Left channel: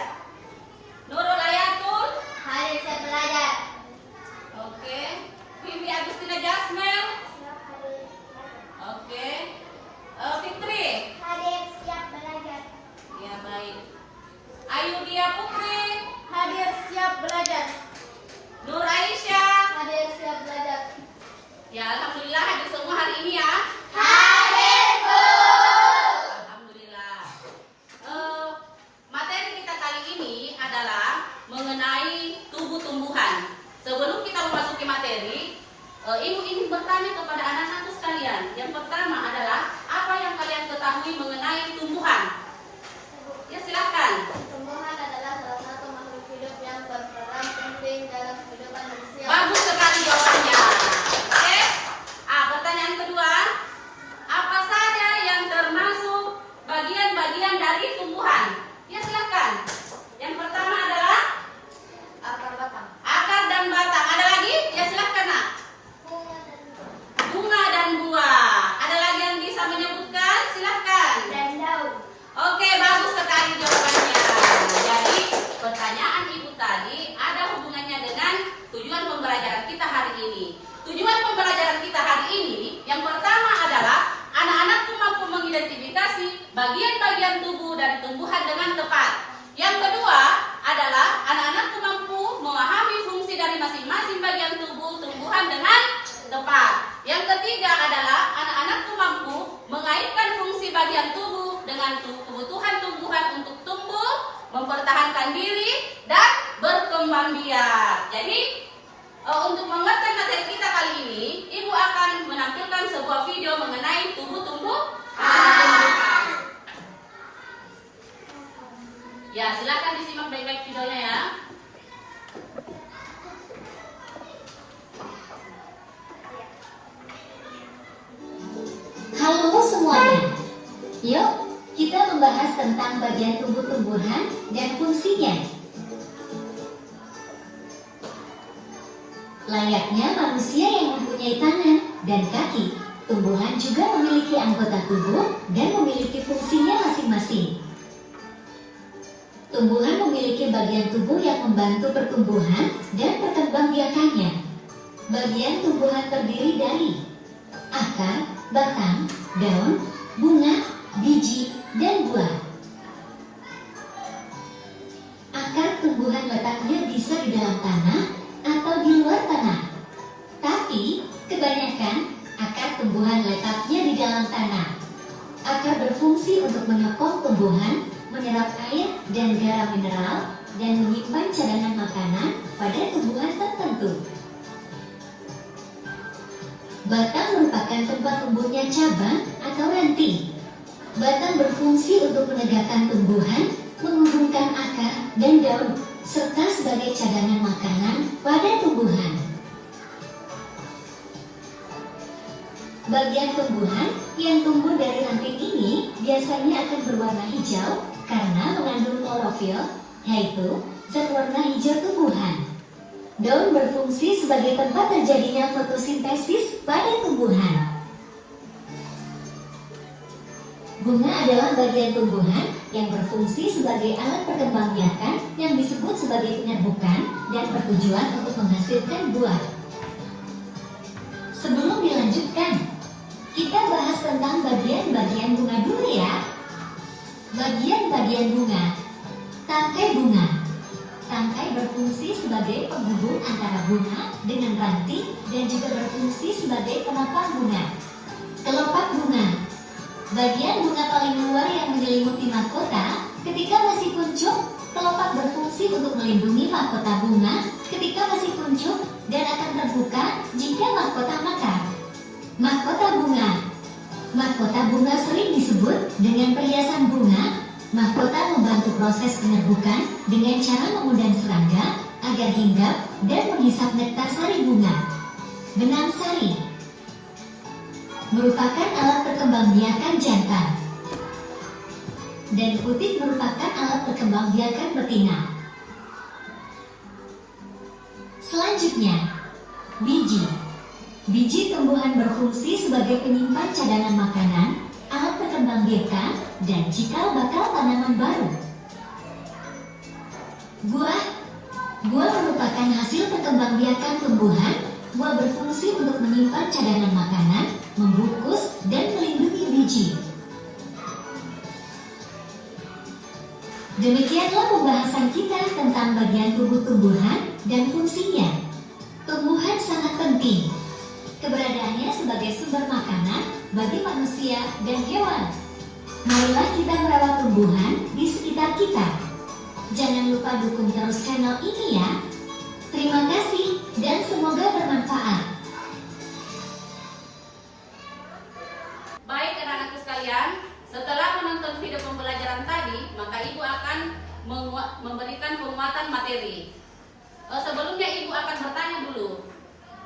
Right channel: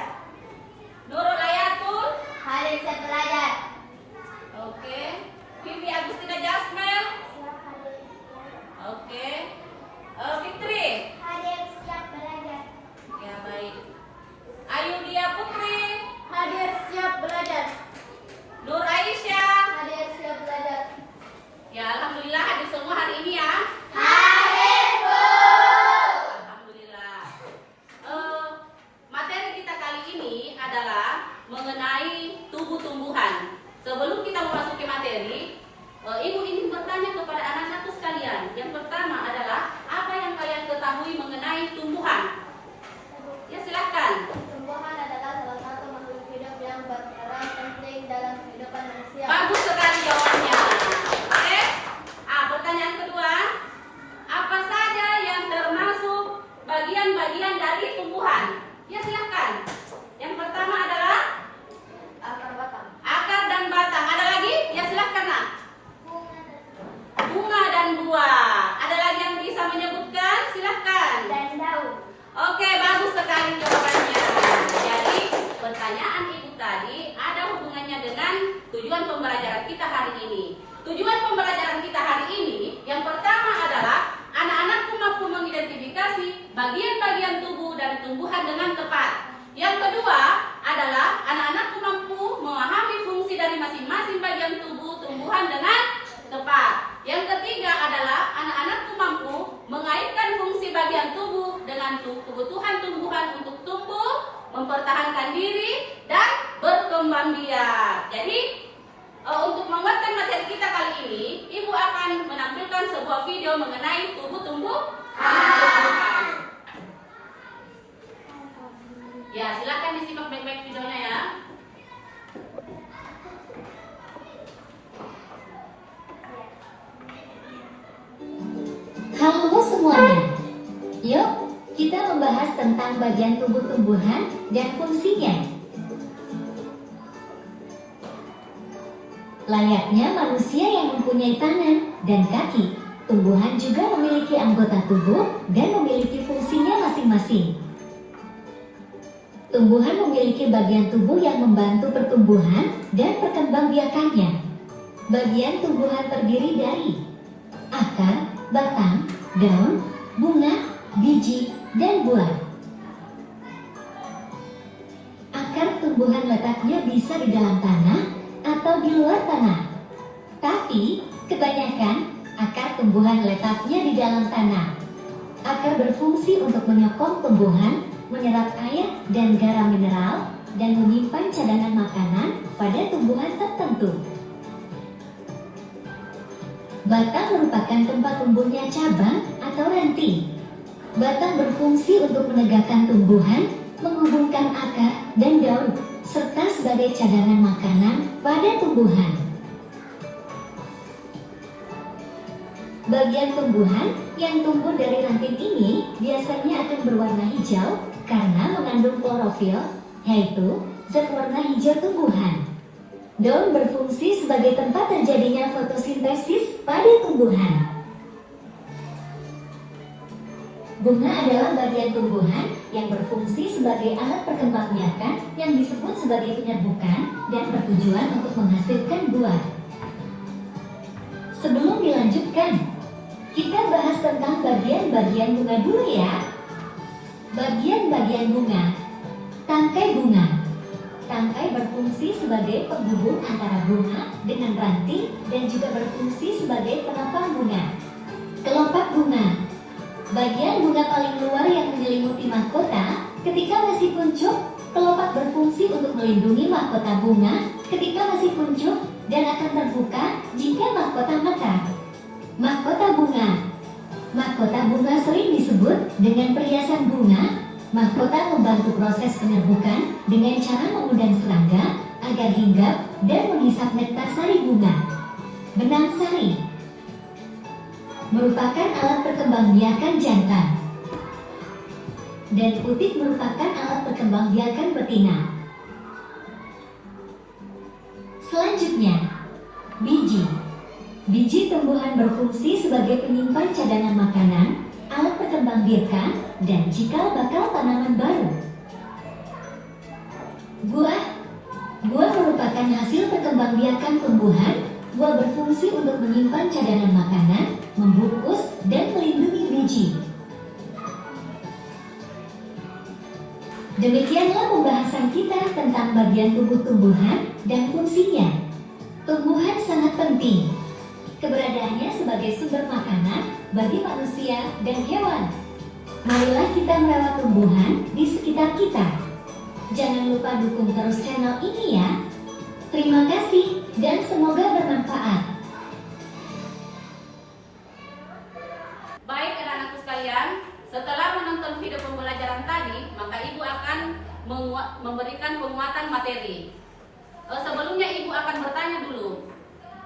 belajar. Nurul Ayatul. Hadir siap belajar. Oke. Vivi Agustina Jasmine. Oke. Fitri. Hadir siap belajar. Ya, baik. Ayu Dia Putri. Hadir siap belajar. Nur Aisyah. Hadir siap belajar. Ya, alhamdulillah hadir semua hari ini ya. Hadir, Bu. Alhamdulillah. Materi kita kali ini adalah mengenai tumbuh-tumbuhan. Sebelum kita memasuki materi, Ibu ingin bertanya kepada anak-anakku sekalian. Yang pertama adalah apa yang kalian ketahui mengenai tumbuhan? Ya, silahkan. Tumbuhan adalah salah satu makhluk hidup yang berperan penting dalam kehidupan manusia. Bagus sekali jawabannya. Oke. Pertanyaan kedua, apa saja yang termasuk bagian-bagian dari tumbuhan? Ya, silahkan. Yang pertama adalah Akar batang. akar dan batang. Ada lagi? Ya, silahkan nak. Bunga dan buah. Ada lagi yang bisa menyebutkan? Silahkan. Dan daun. Oke, bagus sekali jawabannya. Jadi, pertanyaan Ibu tadi ada hubungannya dengan tujuan pembelajaran kita hari ini. Tujuan pembelajaran kita hari ini yang pertama adalah anak-anakku mampu mengidentifikasi bagian-bagian tubuh dari tumbuhan dengan tepat. Yang kedua adalah anak-anakku mampu memahami fungsi dari masing-masing bagian tubuh tumbuhan dengan tepat. Yang ketiga adalah anak-anakku mampu mengaitkan fungsi bagian tubuh dengan kebutuhan tumbuhan untuk tumbuh, mempertahankan diri, dan berkembang biak. Jadi, untuk menguatkan materi kita kali ini, Ibu akan menampilkan sebuah video mengenai tumbuh-tumbuhan. Ya, silakan disimak baik-baik videonya ya. Halo semuanya. Yuk, kita membahas tentang bagian tubuh tumbuhan dan fungsinya. Layaknya manusia yang mempunyai tangan dan kaki, tumbuhan juga memiliki anggota tubuh dan memiliki fungsinya masing-masing. Tumbuhan memiliki bagian tubuh yang membantu pertumbuhan dan perkembangbiakannya. Bagian tumbuhan terdiri dari akar, batang, daun, bunga, biji, dan buah. Akar tumbuhan letaknya bisa di dalam tanah atau di luar tanah. Tapi, kebanyakan akar tumbuhan letaknya di dalam tanah. Akar berfungsi untuk menyokong tumbuhan, menyerap air dan garam mineral, dan menyimpan cadangan makanan pada tumbuhan tertentu. Batang merupakan tempat tumbuhnya cabang atau ranting. Batang berfungsi untuk menegakkan tumbuhan, menghubungkan akar dan daun, serta sebagai cadangan makanan pada tumbuhan. Bagian tumbuhan yang tumbuh dari ranting ini biasanya akan berwarna hijau karena mengandung klorofil, yaitu zat warna hijau tumbuhan. Daun berfungsi sebagai tempat terjadinya fotosintesis pada tumbuhan. Bunga adalah bagian tumbuhan yang berfungsi sebagai alat perkembangbiakan yang disebut sebagai penyerbukan dan bertujuan untuk menghasilkan buah. Sebelum dilanjutkan, kita bahas tentang bagian-bagian bunga dulu ya. Bagian-bagian bunga. Tangkai bunga. Tangkai berfungsi sebagai penghubung antara bunga dengan ranting dan juga berfungsi sebagai penopang bunga. Kelopak bunga. Bagian bunga paling luar yang menyelimuti mahkota. Ketika masih kuncup, kelopak berfungsi untuk melindungi mahkota bunga ketika masih kuncup dan akan terbuka jika mahkota mekar. Mahkota bunga. Mahkota bunga sering disebut dengan perhiasan bunga. Mahkota membantu proses penyerbukan dengan cara mengundang serangga agar hinggap dan menghisap nektar sari bunga. Benang sari merupakan alat perkembangbiakan jantan, dan putik merupakan alat perkembangbiakan betina. Selanjutnya, biji. Biji tumbuhan berfungsi sebagai penyimpan cadangan makanan, alat perkembangbiakan, dan cikal bakal tanaman baru. Buah. Buah merupakan hasil perkembangbiakan tumbuhan. Buah berfungsi untuk menyimpan cadangan makanan, membungkus, dan melindungi biji. Demikianlah pembahasan kita tentang bagian tubuh tumbuhan dan fungsinya. Tumbuhan sangat penting. Keberadaannya sebagai sumber makanan bagi manusia dan hewan. Marilah kita merawat tumbuhan di sekitar kita. Jangan lupa dukung terus channel ini ya. Terima kasih dan semoga bermanfaat. Baik anak-anakku sekalian, setelah menonton video pembelajaran tadi, maka ibu akan memberikan penguatan materi. Sebelumnya ibu akan bertanya dulu,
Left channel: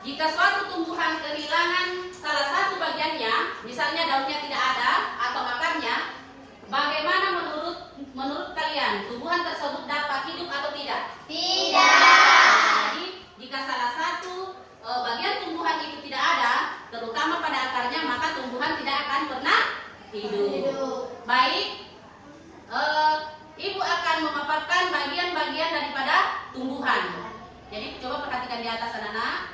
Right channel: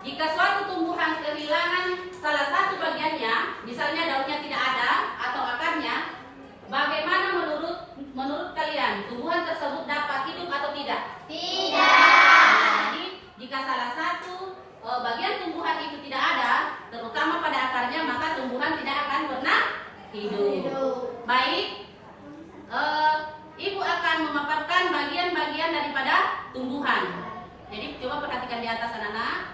jika suatu tumbuhan kehilangan salah satu bagiannya, misalnya daunnya tidak ada atau akarnya, bagaimana menurut kalian tumbuhan tersebut dapat hidup atau tidak? Jadi jika salah satu bagian tumbuhan itu tidak ada, terutama pada akarnya, maka tumbuhan tidak akan pernah hidup. Baik, ibu akan memaparkan bagian-bagian daripada tumbuhan. Jadi coba perhatikan di atas anak-anak.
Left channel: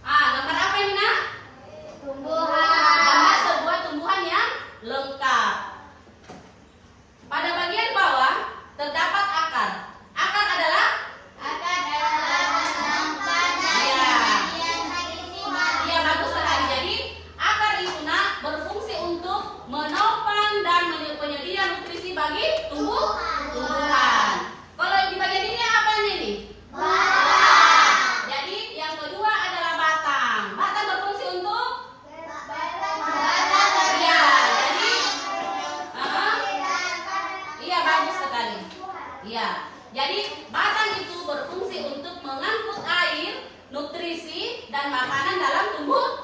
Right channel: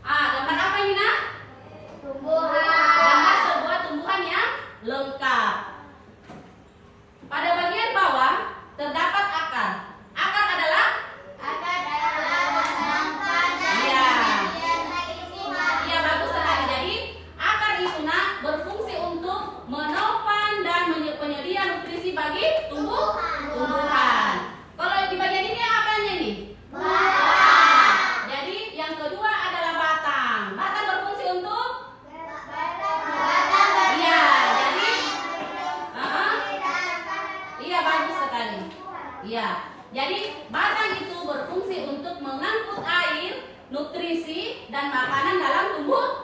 Gambar apa ini nak? Tumbuhan. Gambar sebuah tumbuhan yang lengkap. Pada bagian bawah terdapat akar. Akar adalah Iya, bagus sekali. Jadi akar itu nak berfungsi untuk menopang dan penyedia nutrisi bagi tumbuhan. Kalau di bagian ini apanya nih? Jadi yang kedua adalah batang. Batang berfungsi untuk iya, jadi iya, bagus sekali. Iya, jadi batang itu berfungsi untuk mengangkut air, nutrisi dan makanan dalam tumbuhan.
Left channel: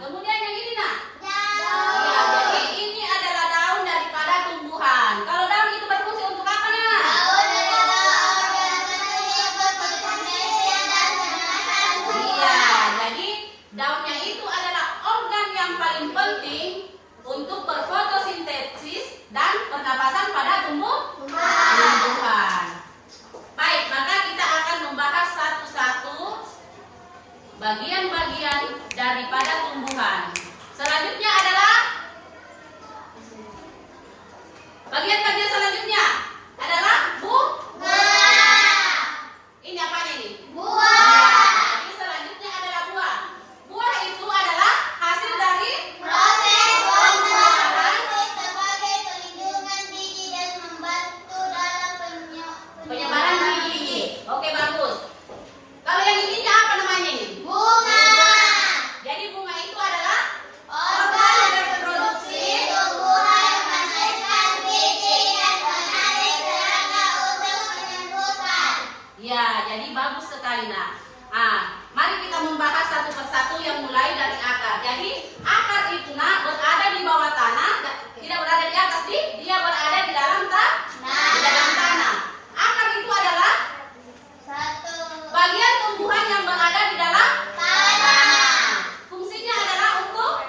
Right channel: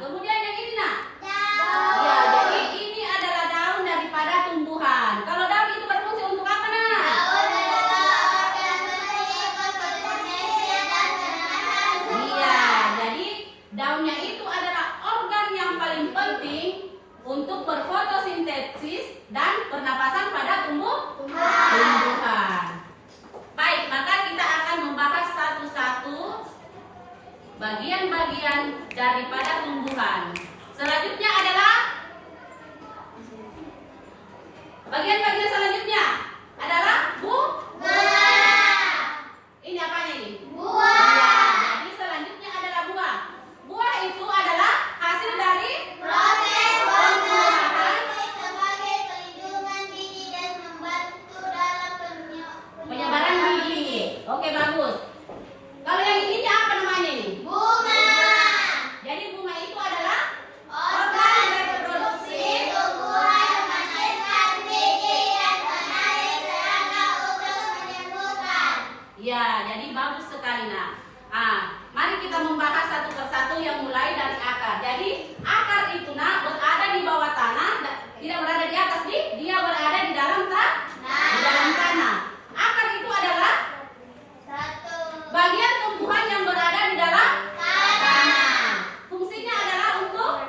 Kemudian yang ini nak? Iya, jadi ini adalah daun daripada tumbuhan. Kalau daun itu berfungsi untuk apa nak? Iya, jadi daunnya itu adalah organ yang paling penting untuk berfotosintesis dan pernapasan pada tumbuhan. Baik, maka kita akan membahas satu-satu bagian-bagian daripada tumbuhan. Selanjutnya adalah bagian-bagian selanjutnya adalah ini apanya ini? Jadi selanjutnya adalah buah. Buah itu adalah hasil dari penyebaran biji. Oke, bagus. Kalau yang ininya apa namanya ini? Jadi bunga itu adalah organ reproduksi. Ya, jadi bagus sekali nak. Mari kita membahas satu persatu yang mulai dari akar. Jadi akar itu nak berada di bawah tanah, tidak berada di atas, dia berada di dalam tanah. Akar itu adalah bagian tumbuhan yang berada di dalam tanah. Fungsinya adalah untuk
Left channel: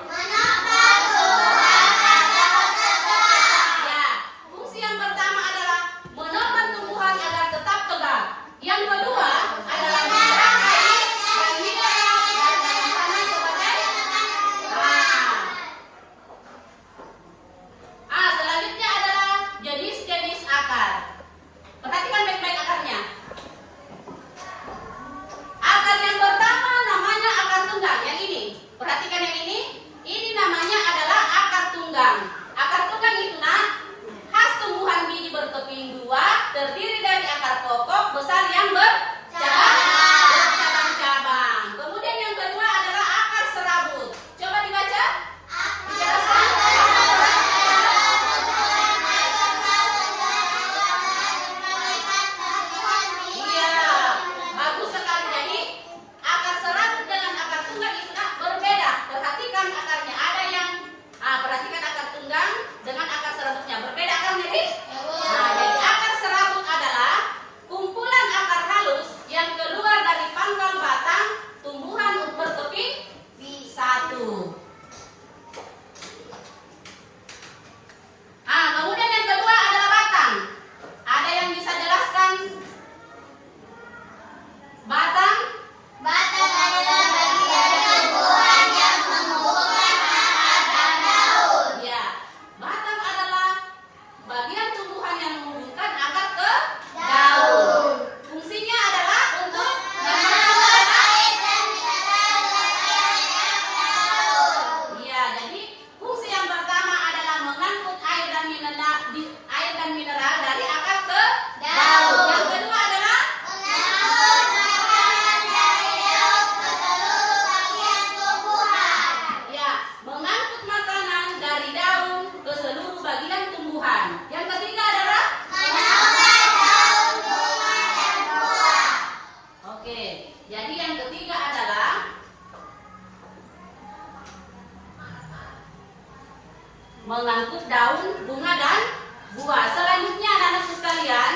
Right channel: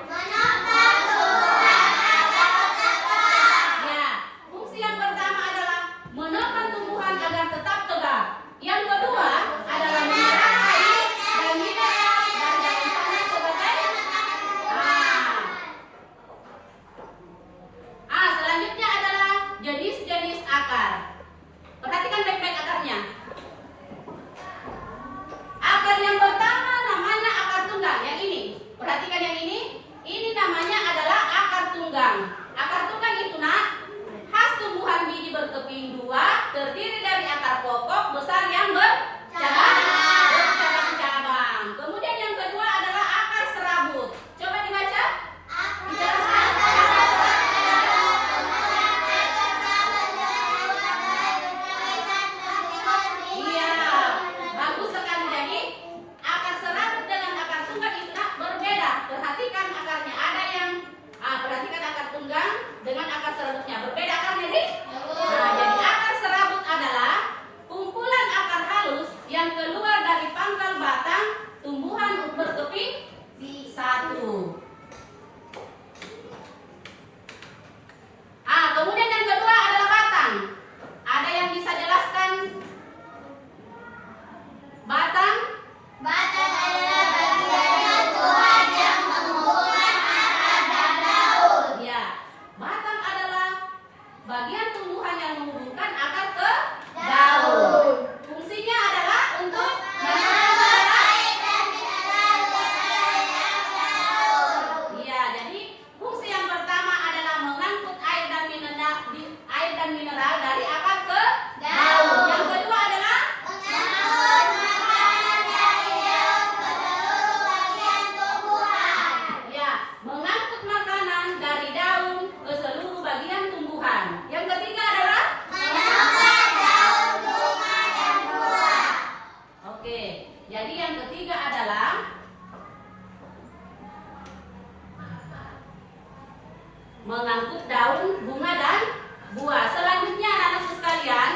ya, fungsi yang pertama adalah menopang tumbuhan agar tetap tegak. Yang kedua adalah menyerap air dan mineral dari dalam tanah sebagai selanjutnya adalah jenis-jenis akar. Perhatikan baik-baik akarnya. Akar yang pertama namanya akar tunggang, yang ini. Perhatikan yang ini. Ini namanya adalah akar tunggang. Akar tunggang itu nak khas tumbuhan biji berkeping dua, terdiri dari akar pokok besar yang bercabang-cabang. Kemudian yang kedua adalah akar serabut. Coba dibaca. Dijelaskan. Iya, bagus sekali. Jadi akar serabut dengan akar tunggang itu nak berbeda. Perhatikan akarnya. Ada yang perhatikan akar tunggang dengan akar serabutnya berbeda kan jadi? Jadi akar serabut adalah kumpulan akar halus yang keluar dari pangkal batang tumbuhan berkeping satu. Kemudian yang kedua adalah batang. tumbuhan yang menghubungkan akar ke daun. Fungsinya adalah untuk iya, jadi fungsi yang pertama adalah mengangkut air dan mineral dari akar ke daun. Yang kedua adalah ya, mengangkut makanan dari daun ke seluruh bagian tumbuhan. Yang ketiga adalah oke, jadi yang ketiga adalah mengangkut daun, bunga, dan buah. Selanjutnya anak-anak sekalian,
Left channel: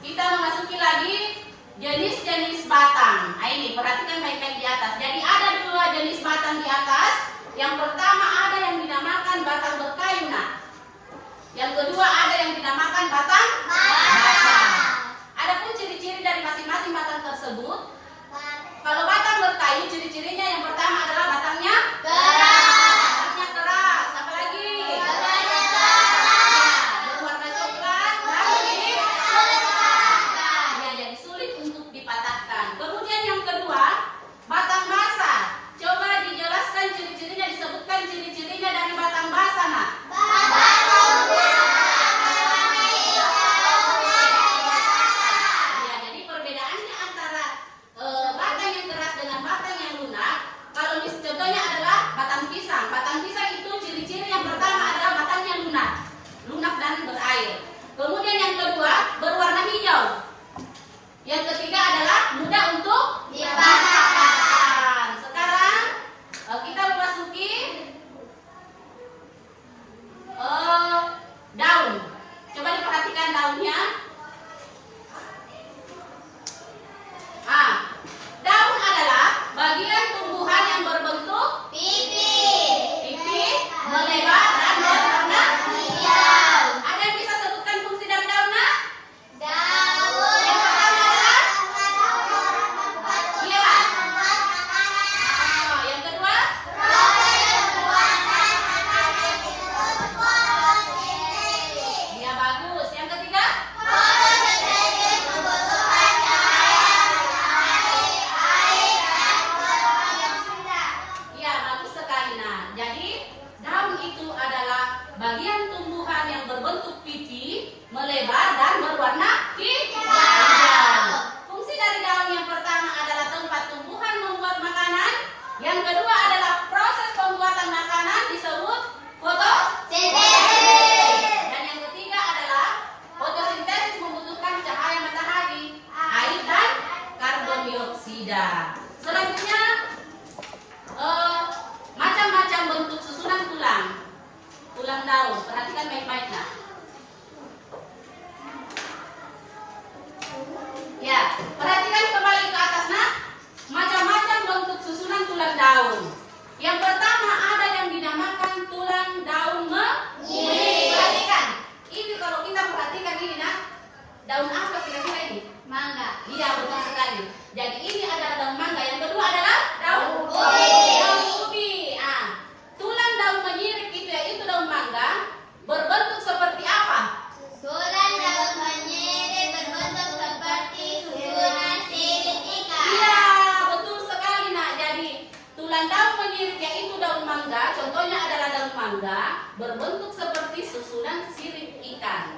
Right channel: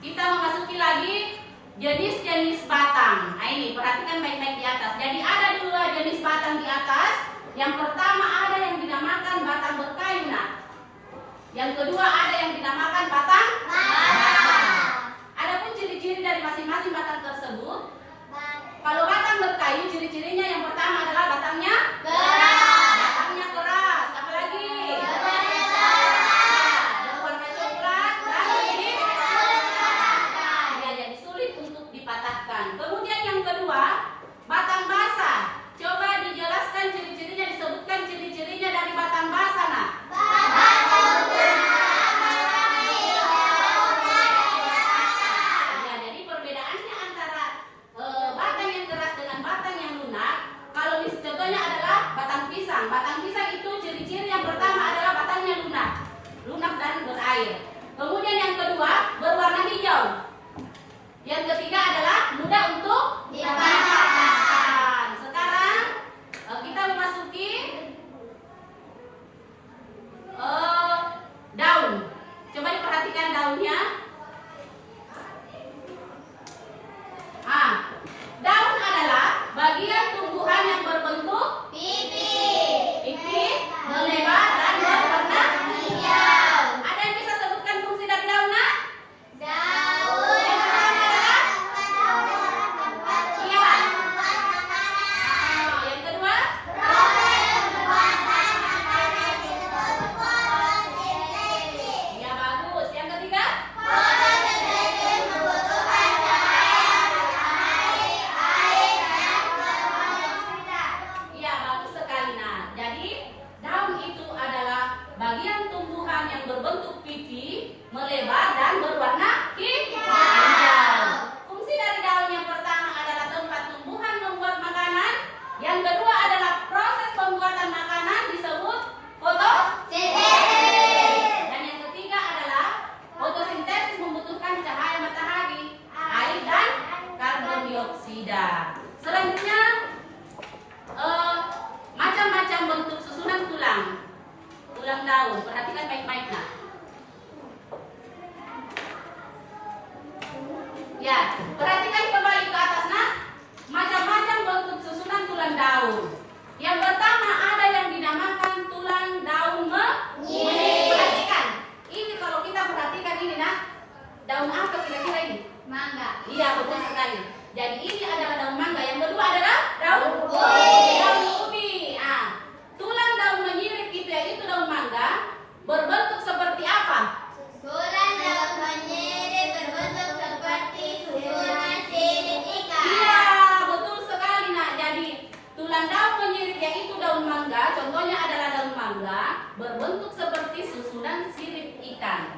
kita memasuki lagi jenis-jenis batang. Ini perhatikan baik-baik di atas. Jadi ada dua jenis batang di atas. Yang pertama ada yang dinamakan batang berkayu. Yang kedua ada yang dinamakan batang basah. Adapun ciri-ciri dari masing-masing batang tersebut. Kalau batang berkayu, ciri-cirinya yang pertama adalah batangnya batangnya keras. Apalagi berwarna coklat dan ini jadi sulit untuk dipatahkan. Kemudian yang kedua, batang basah. Coba dijelaskan ciri-cirinya, disebutkan ciri-cirinya dari batang basah, Nak. Ya, jadi perbedaannya antara batang yang keras dengan batang yang lunak. Kalau contohnya adalah batang pisang. Batang pisang itu ciri-ciri yang pertama adalah batangnya lunak dan berair. Kemudian yang kedua berwarna hijau. Yang ketiga adalah mudah untuk dipatahkan. Sekarang kita memasuki daun. Coba diperhatikan daunnya. Daun adalah bagian tumbuhan yang berbentuk pipi, melebar, dan berwarna hijau. Ada yang bisa sebutkan fungsi dari daun, Nak? Yang pertama adalah iya. Yang kedua iya, bagus. Yang ketiga iya, bagus sekali. Nah, jadi daun itu adalah bagian tumbuhan yang berbentuk pipi, melebar, dan berwarna hijau. Fungsi dari daun yang pertama adalah tempat tumbuhan membuat makanan. Yang kedua adalah proses pembuatan makanan disebut fotosintesis. Dan yang ketiga adalah fotosintesis membutuhkan cahaya matahari, air, dan karbon dioksida. Selanjutnya macam-macam bentuk susunan tulang daun. Perhatikan baik-baik, Nak. Ya, perhatikan kembali ke atas, Nak. Macam-macam bentuk susunan tulang daun. Yang pertama ada yang dinamakan tulang daun menyirik. Perhatikan. Ini kalau kita perhatikan ini, Nak. Daun apa kira-kira ini? Mangga. Iya, betul sekali. Jadi ini adalah daun mangga. Yang kedua adalah daun ubi. Tulang daun menyirik itu yaitu daun mangga berbentuk seperti apa? Susunan daun menyirik berbentuk seperti susunan sirip ikan. Iya, betul sekali, Nak. Jadi tulang daun menyirik yaitu daun mangga, contohnya adalah daun mangga berbentuk seperti susunan sirip ikan.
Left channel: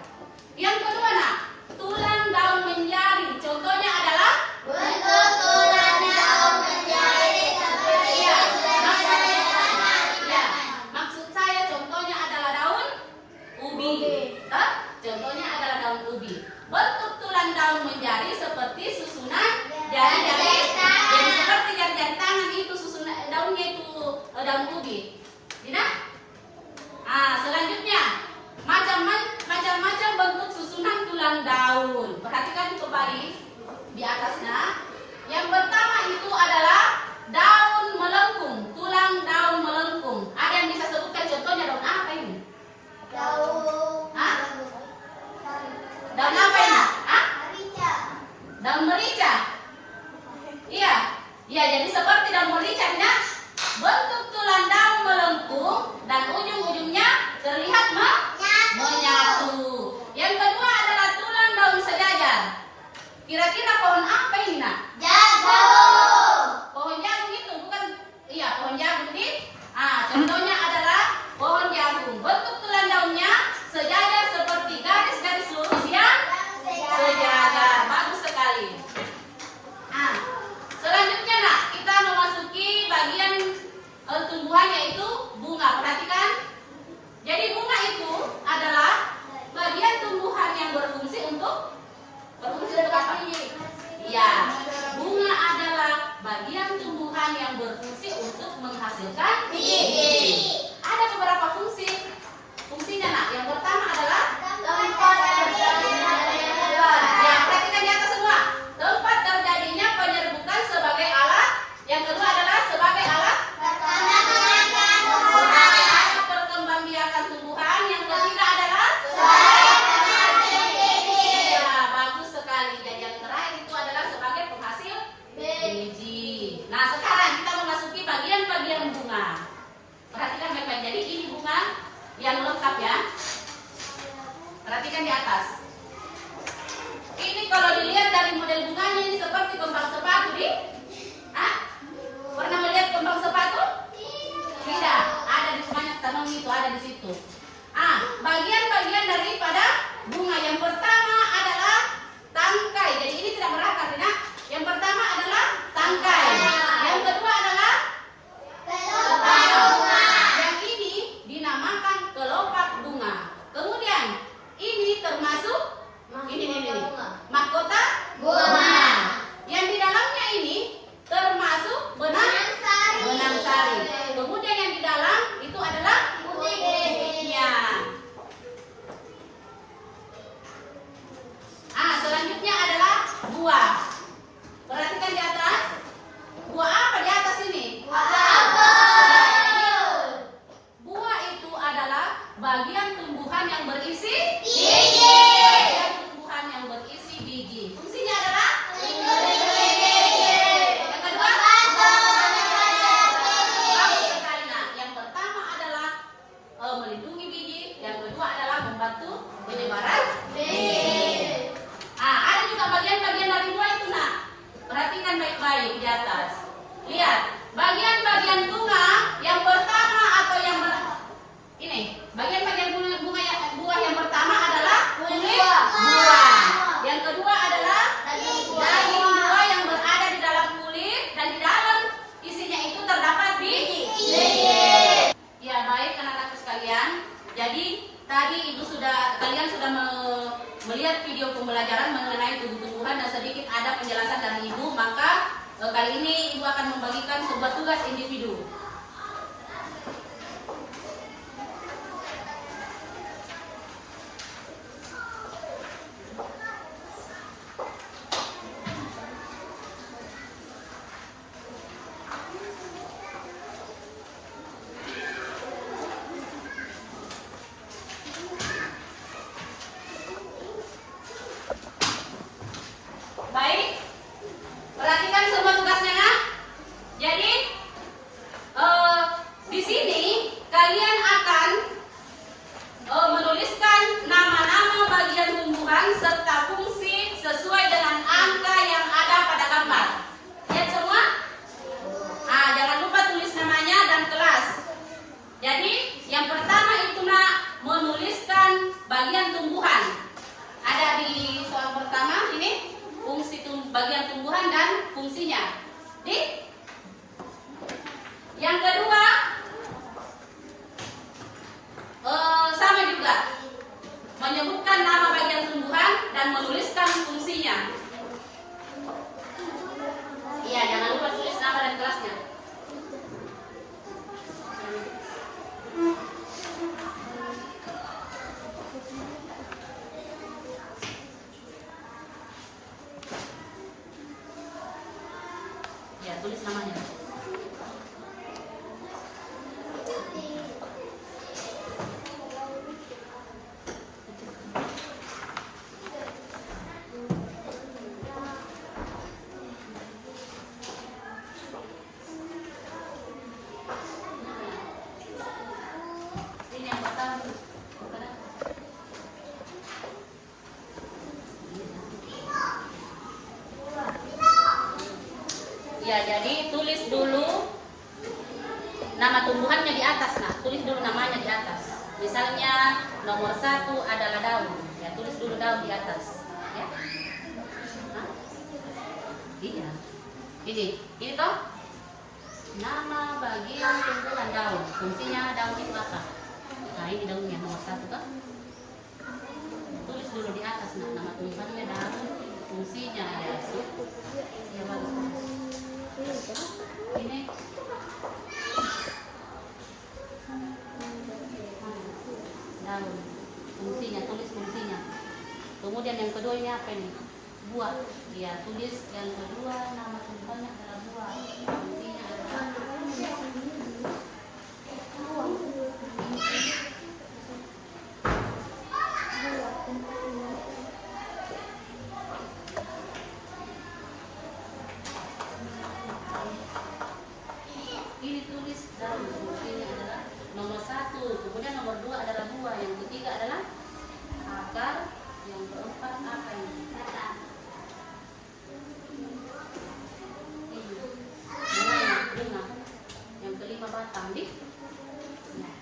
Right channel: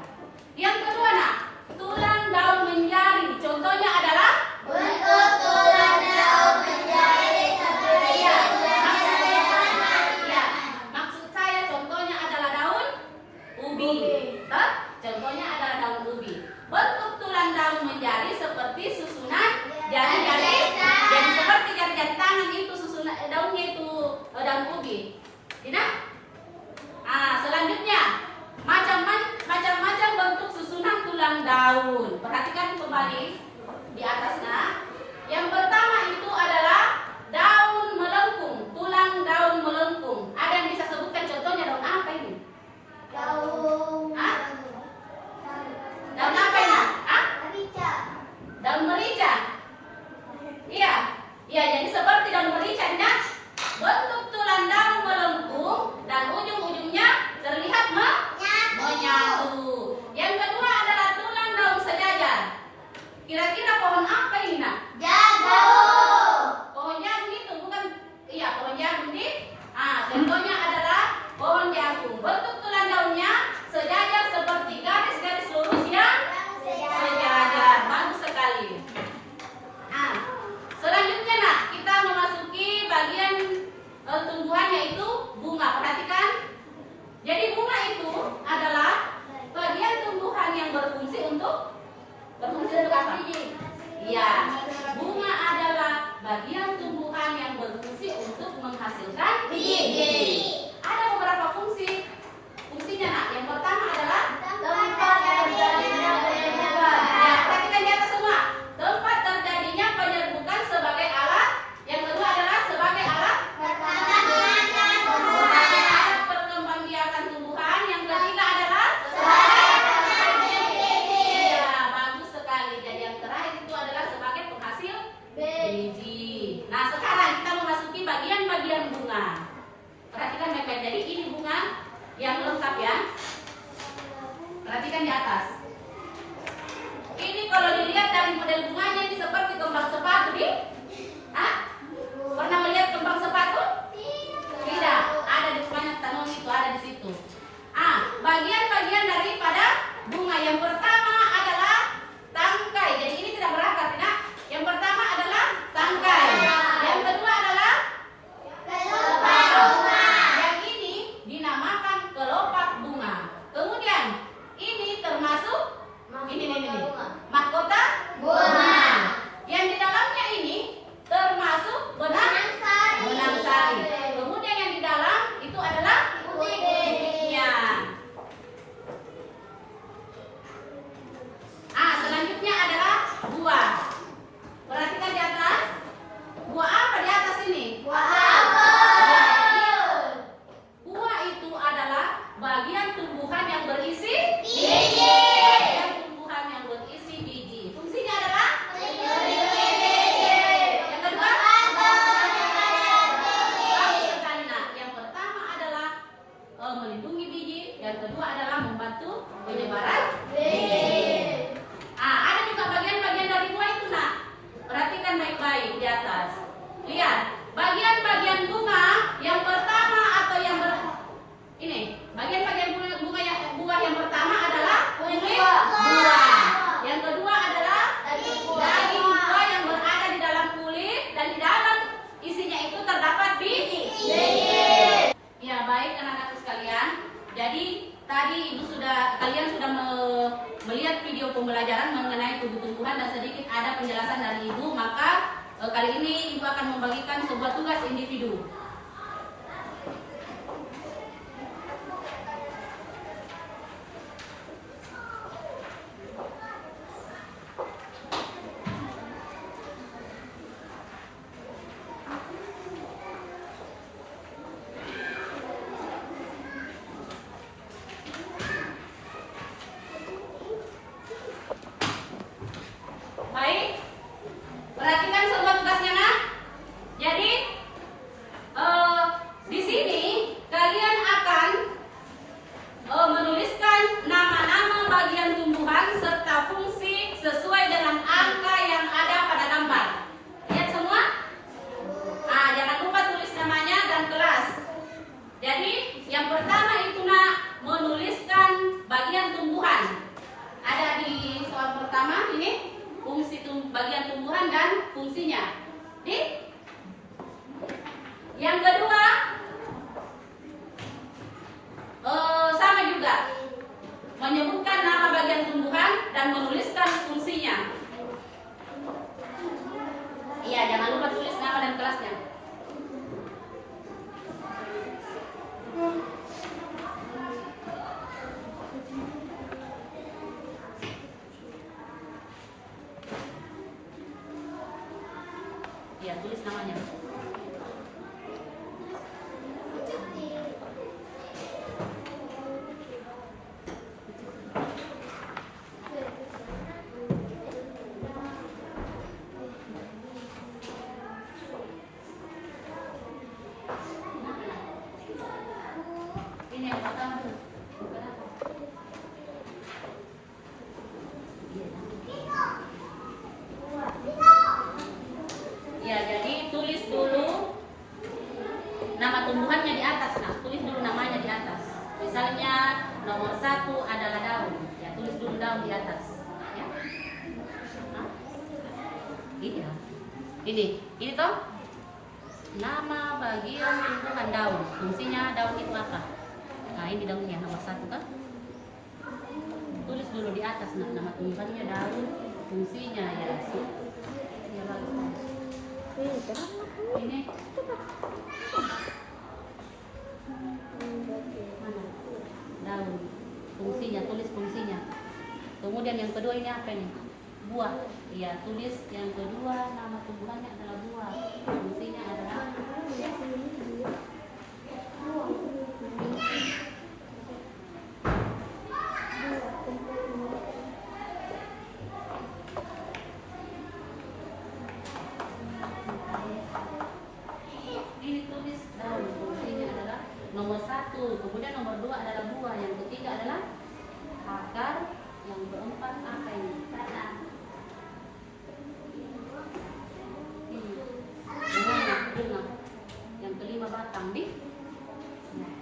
Yang kedua, Nak, tulang daun menjari, contohnya adalah Bentuk tulang daun menjadi seperti maksud saya contohnya adalah daun ubi. Contohnya adalah daun ubi. Bentuk tulang daun menjari seperti susunan jari-jari. Jadi seperti jari-jari tangan itu susunan daunnya itu daun ubi. Tidak? Selanjutnya macam-macam bentuk susunan tulang daun. Perhatikan kembali di atasnya. Yang pertama itu adalah daun melengkung, tulang daun melengkung. Ada yang bisa sebutkan contohnya daun apa ini? daun Daun apa ini? merica. Daun merica. Iya, jadi seperti daun merica, Nak. Bentuk tulang daun melengkung dan ujung-ujungnya terlihat ya. Perhatikan di atas. Ini kalau dilihat dari model bunganya ini seperti kembang sepatu di. Pernah melihat kembang sepatu? Tidak. Ada di banyak tanaman itu ada di situ. Bagian-bagian daripada bunga yang pertama adalah tangkai. Jadi ini tidak berakar, tidak. Yang pertama adalah tangkai. Yang kedua adalah kelopak bunga. Yang ini dinamakan kelopak bunga. Kemudian ini termasuk ini mahkota bunga. Yang di dalamnya ini termasuk benang sari. Kemudian yang di dalam itu adalah putiknya. Selanjutnya adalah buah. Perhatikan di atas. Buah apa di atas ini? Buah itu adalah bagian tumbuhan yang berisi biji. Bagian tumbuhan yang berisi biji. Fungsinya adalah yang kedua bagus sekali. Nah, yang pertama adalah melindungi biji. Yang kedua adalah membantu penyebaran biji. Ada juga bagian-bagian dari buah itu, nak. Perhatikan baik-baik di atas. Lihat, bagian-bagian bunga yang pertama atau yang ini, bagian-bagian buah yang pertama adalah kulit buah. Yang kedua adalah daging buah yang berada di dalam kulit dan di dalam isinya itu terdapat biji. Ya, baik anak-anak sekalian. Jadi tadi kalian sudah melihat video pembelajaran mengenai tumbuh-tumbuhan dan sedikit ada penjelasan dari Ibu. Maka kali ini Ibu akan membagikan sebuah tugas individu. Baik, perhatikan semua tugasnya, nak. Jadi di sini kalian akan menuliskan nama-nama bagian tumbuhan serta fungsi sesuai dengan angka yang ada pada gambar. Lihat semua. Jangan lupa tulis namanya dan kelas. Jadi yang pertama itu, nak, menuliskan bagian tumbuhan. Ada di soal pertama ini. Fungsi bagian tumbuhan dan fungsinya. Yang kedua sama juga, menyebutkan nama bagian tumbuhan dan menuliskan fungsinya. Iya, jangan lupa tulis nama dan kelasnya. Ya, tulis namanya. Ini yang pertama. Ya, jadi tulis dulu nama tumbuhannya di atas. Nah, tulis dulu namanya di atas. Misalnya nomor 1 adalah daun. Ya, tulis dulu daun di atas. Ya. Ini toh nama bagian tumbuhan daun. Fungsinya daun itu apa? Nah, ini daunnya nomor 1 toh. Tulis dulu di atas. Nah, nama tumbuhannya daun. Fungsinya ya. Ya, bagus. Ini daun, fungsinya, tulis fungsinya. Kemudian yang kedua ini apa ini? Buah. Ya, tulis yang kedua nama tumbuhannya adalah buah. Fungsinya adalah nomor 1, kemudian nomor 2 adalah buah. Yang Yang ketiga adalah akar. Yang keempat apa ini? Batang. Bunga. Yang kelima batang di. Nah.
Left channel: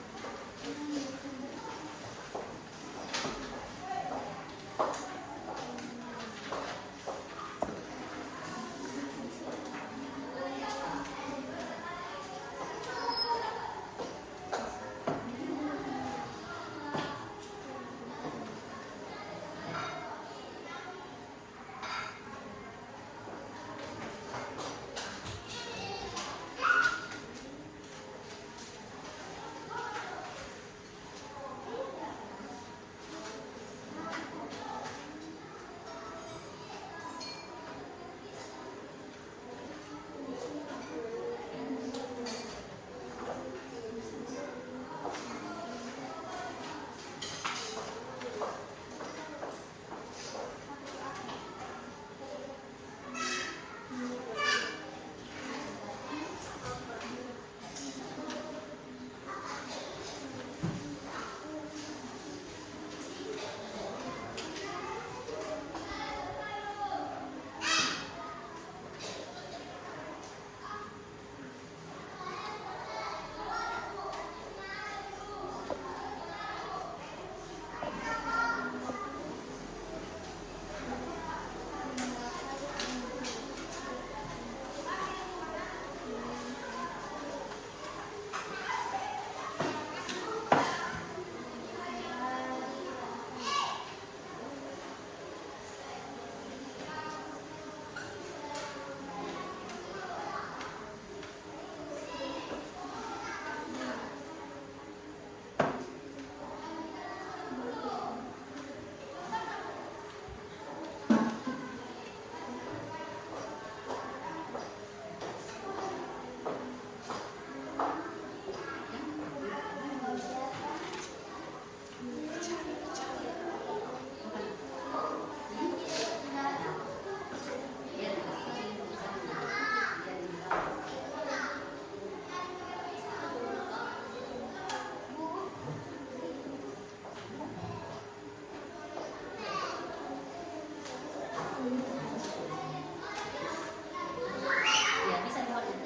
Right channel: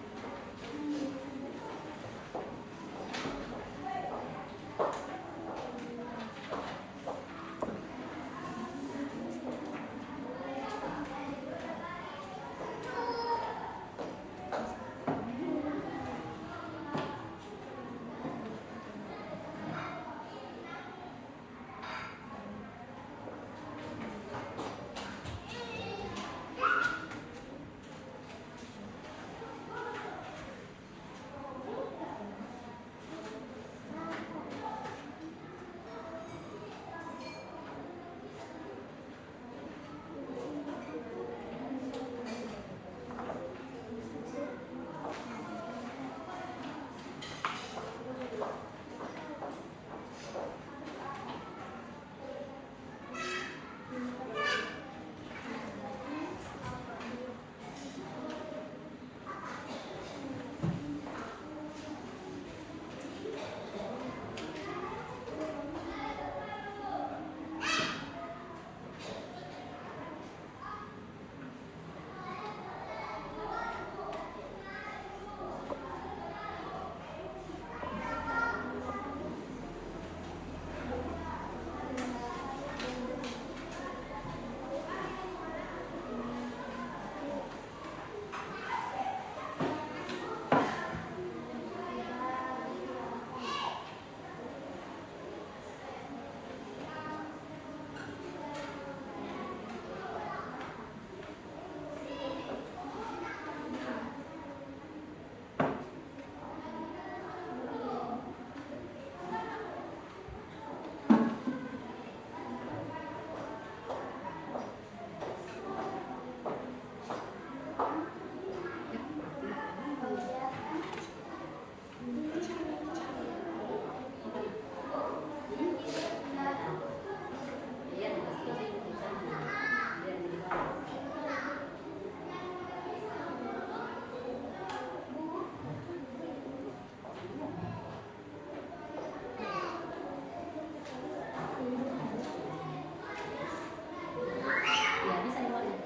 Ya, bisa diwarnai.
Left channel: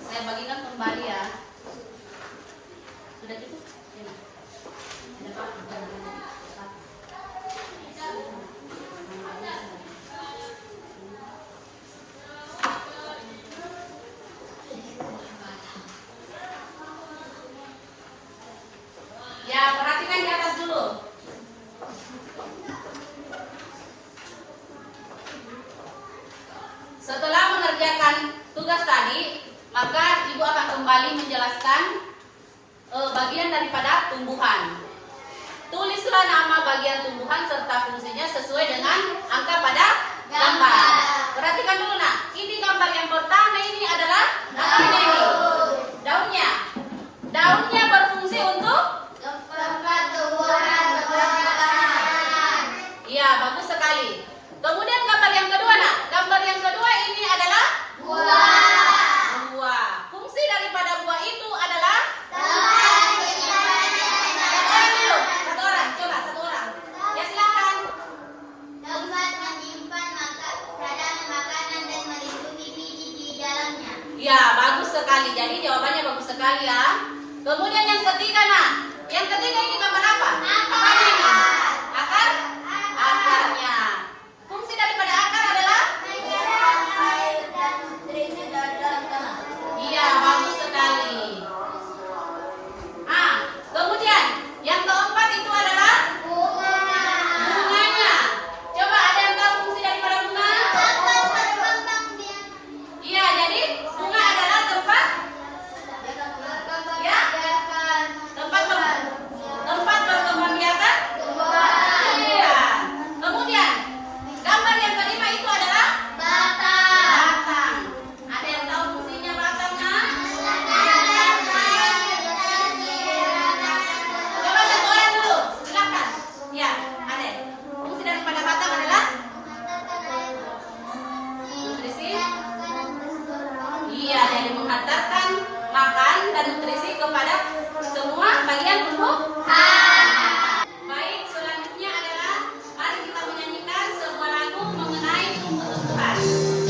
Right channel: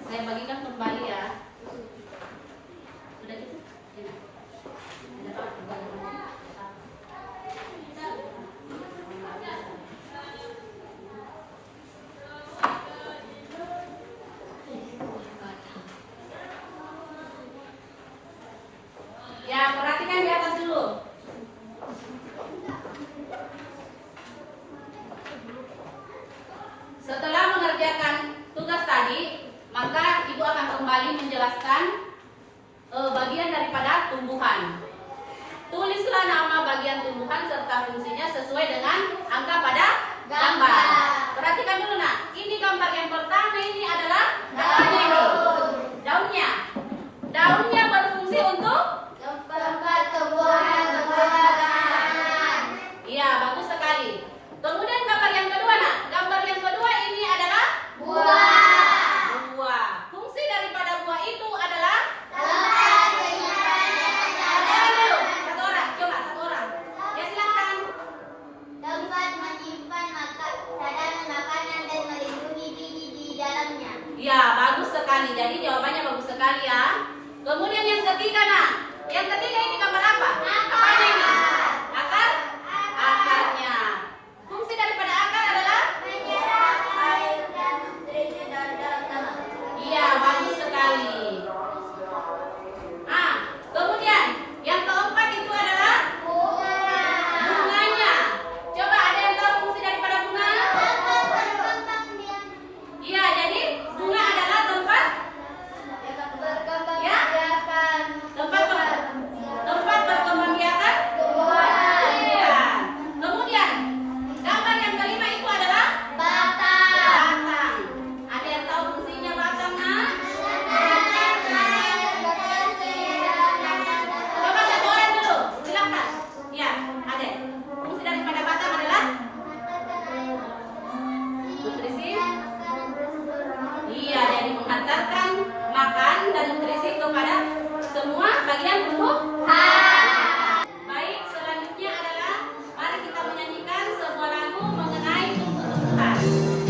Saya bagikan kembali ya. Sudah cukup? Ya, perhatikan di atas dulu. Setelah mengerjakan tugas tadi, maka ibu akan kembali menjelaskan bagian daripada tumbuhan. Tulislah nama bagian tumbuhan serta fungsinya sesuai dengan angka pada gambar. Perhatikan dulu nak, ini gambar yang pertama ini adalah apanya ini? Daunnya. Daunnya berfungsi untuk tempat tumbuhan. Iya, bagus sekali. Kemudian gambar yang kedua nak, gambar yang kedua ini adalah Buah. buah. Fungsi daripada buah itu adalah Tempat penyimpanan dulu. Satu orang, coba satu orang. Ya silakan. tempat menyimpan cadangan makanan dan melindungi biji di dalamnya. Iya, bagus sekali. Jadi jawabannya bagus sekali ya. Kemudian yang ketiga nak, yang ketiga ini gambar apa? Apa ini? Akar? Akarnya. Fungsi daripada akar adalah? Menyerap air dan nutrisi dari dalam tanah. Iya, bagus sekali. Kemudian yang keempat itu adalah Bunga. bunganya. Coba ada yang tahu fungsi daripada bunga? Tempat berkembang biak. Iya, jadi bunga adalah tempat Ya. tempat berkembangbiakan tumbuhan. Iya. Kemudian gambar yang kelima itu adalah Batang. batang. Ada yang tahu fungsinya batang nak? Coba satu orang dulu, silakan. Ya, ada. Fungsi daripada batang adalah nutrisi. Iya, jadi menghantarkan makan dan nutrisi kepada semua bagian tubuh. Baik, selanjutnya adalah mari kita menyanyikan sebuah lagu mengenai tumbuh-tumbuhan.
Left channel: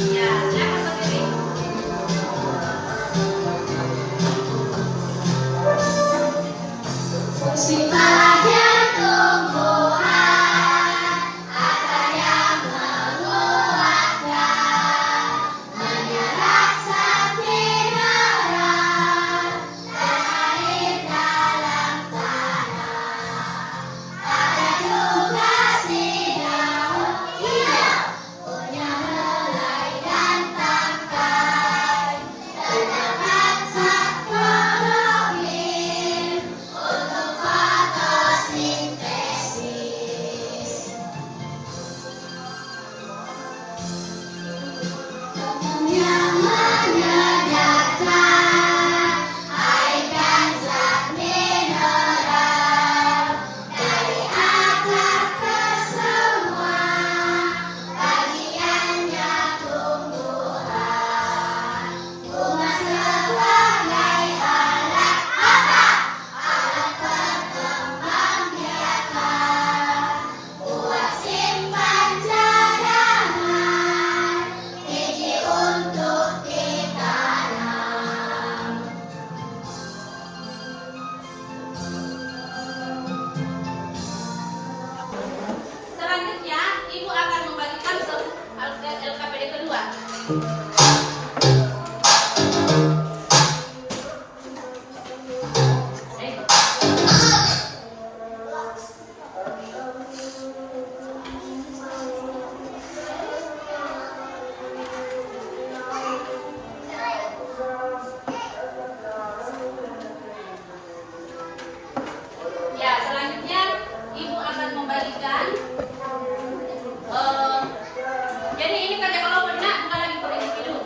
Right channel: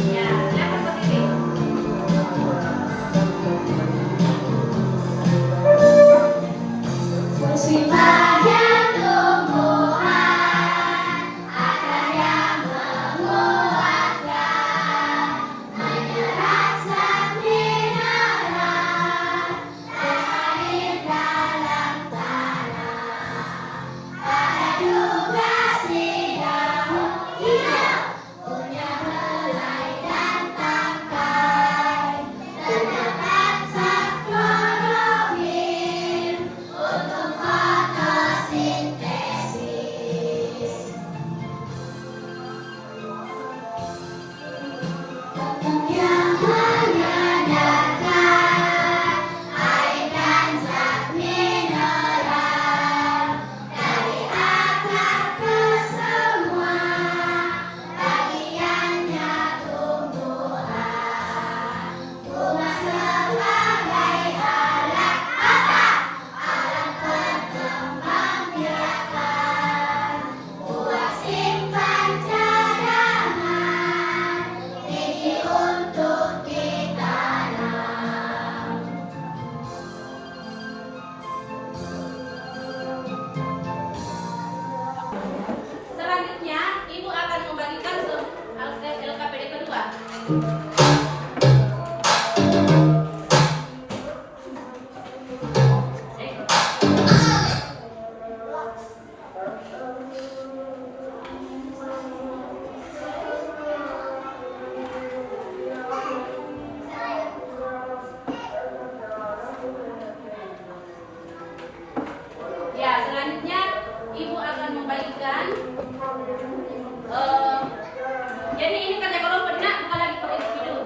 Ya, silakan berdiri. Fungsi bagian tumbuhan, akar yang menguatkan, menyerap zat mineral dan air dalam tanah. Ada juga si daun hijau, punya helai dan tangkai, terdapat zat klorofil untuk fotosintesis. Yang menyedarkan air dan zat mineral dari akar ke semua bagiannya tumbuhan. Bunga sebagai alat apa? Alat berkembang biakan. Buah simpan cadangan, biji untuk ditanam. Selanjutnya, Ibu akan membagikan LKPD kedua. Ya, selanjutnya Ibu akan membagikan jadi ini kerja kelompoknya bukan lagi per individu.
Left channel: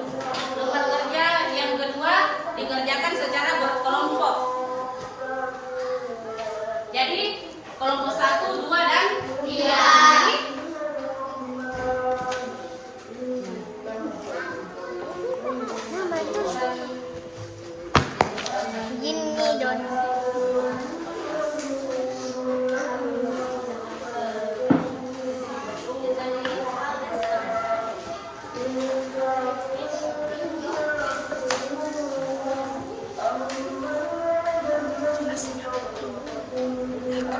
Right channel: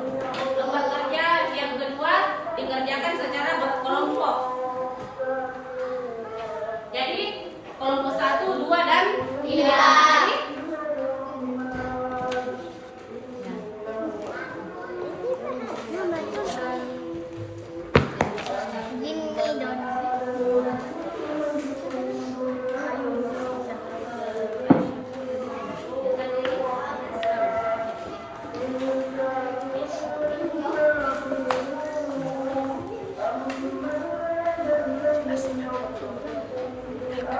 Tempat kerja yang kedua dikerjakan secara berkelompok. Jadi kelompok 1, 2, dan 3. Jadi Gini dong.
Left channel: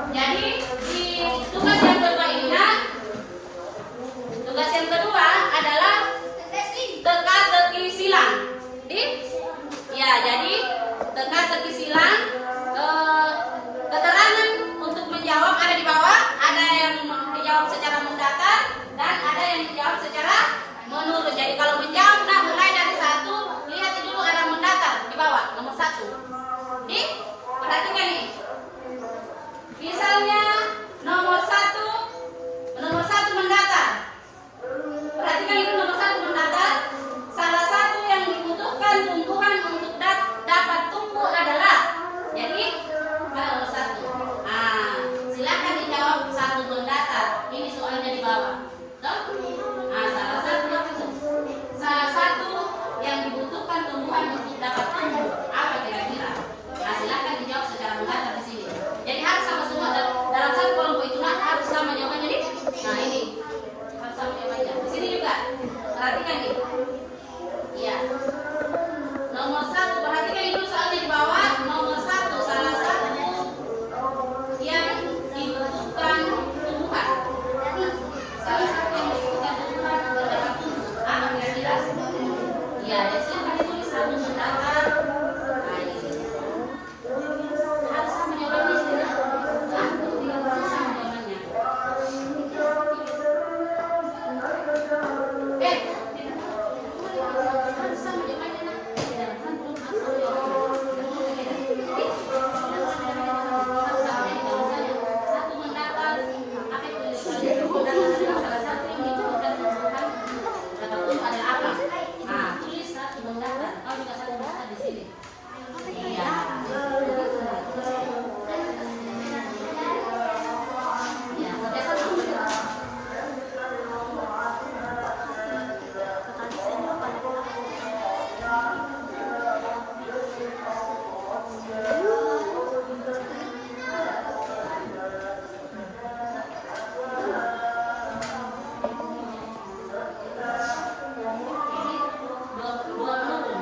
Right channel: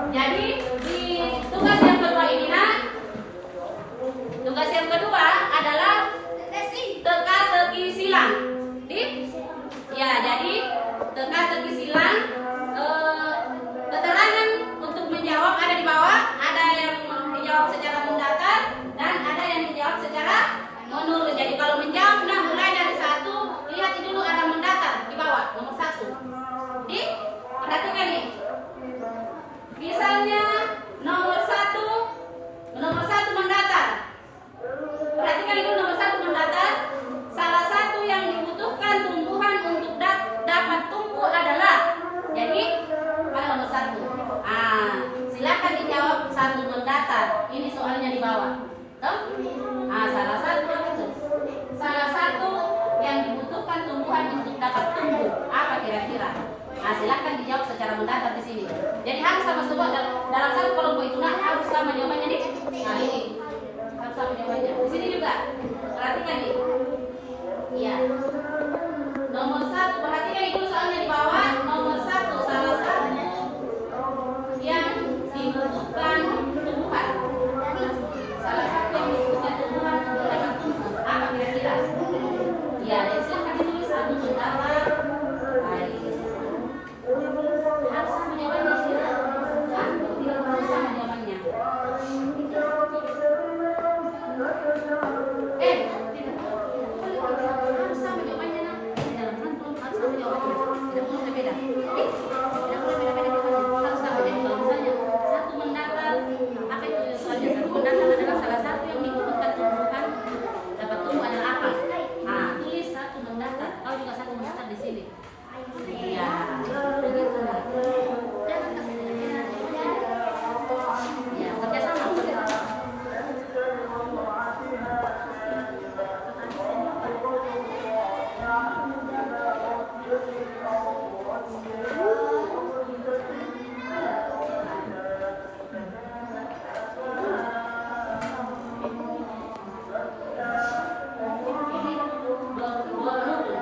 Jadi di tugas yang kedua ini nak, tugas yang kedua adalah teka-teki silang. Ya, jadi teka-teki silang, keterangan untuk menjawab ada di bawah, ada yang dijawab secara mendatar dan ada yang dijawab secara menurun. Jadi kalau menjawab, nah mulai dari 1, lihat dulu arah mendatar di bawah nomor 1. Perhatikan nih. Misalnya nomor 1 mendatar. Perhatikan itu nomor 1 mendatar. Salah satu yang dibutuhkan tumbuhan untuk dapat tumbuh adalah. Jadi pada nomor 1. Silakan dijawab 1 mendatar. Ini soalnya di bawah. Tuh? Salah satu yang dibutuhkan tumbuhan untuk dapat tumbuh apa kira-kira? Silakan dijawab secara mendatar di sini. Jadi harus sama semua dalam satu kelompok itu harus sama jawabannya nih. Nah ini harus sama jawabannya. Di sini juga perhatikan nih. Iya. Nomor 1 perhatikan dulu soalnya di bawah. Nomor 1 salah satu yang dibutuhkan tumbuhan. Salah satu yang dibutuhkan tumbuhan untuk dapat tumbuh apa kira-kira? Iya. Jadi silakan ditulis 1 mendatar. Nah ini. Harus sama jawabannya sih. Harus sama jawabannya. Harus sama jawabannya nak. Harus sama jawabannya. Tidak boleh beda. Harus sama. Jadi kalau misalnya 1 mendatar, apa itu soalnya 1 mendatar adalah salah satu yang dibutuhkan tumbuhan dapat tumbuh adalah apa? Tulis 1 mendatar. Kau juga 1 mendatar di sini. Iya. Ya, kerjasama. Dua menurun.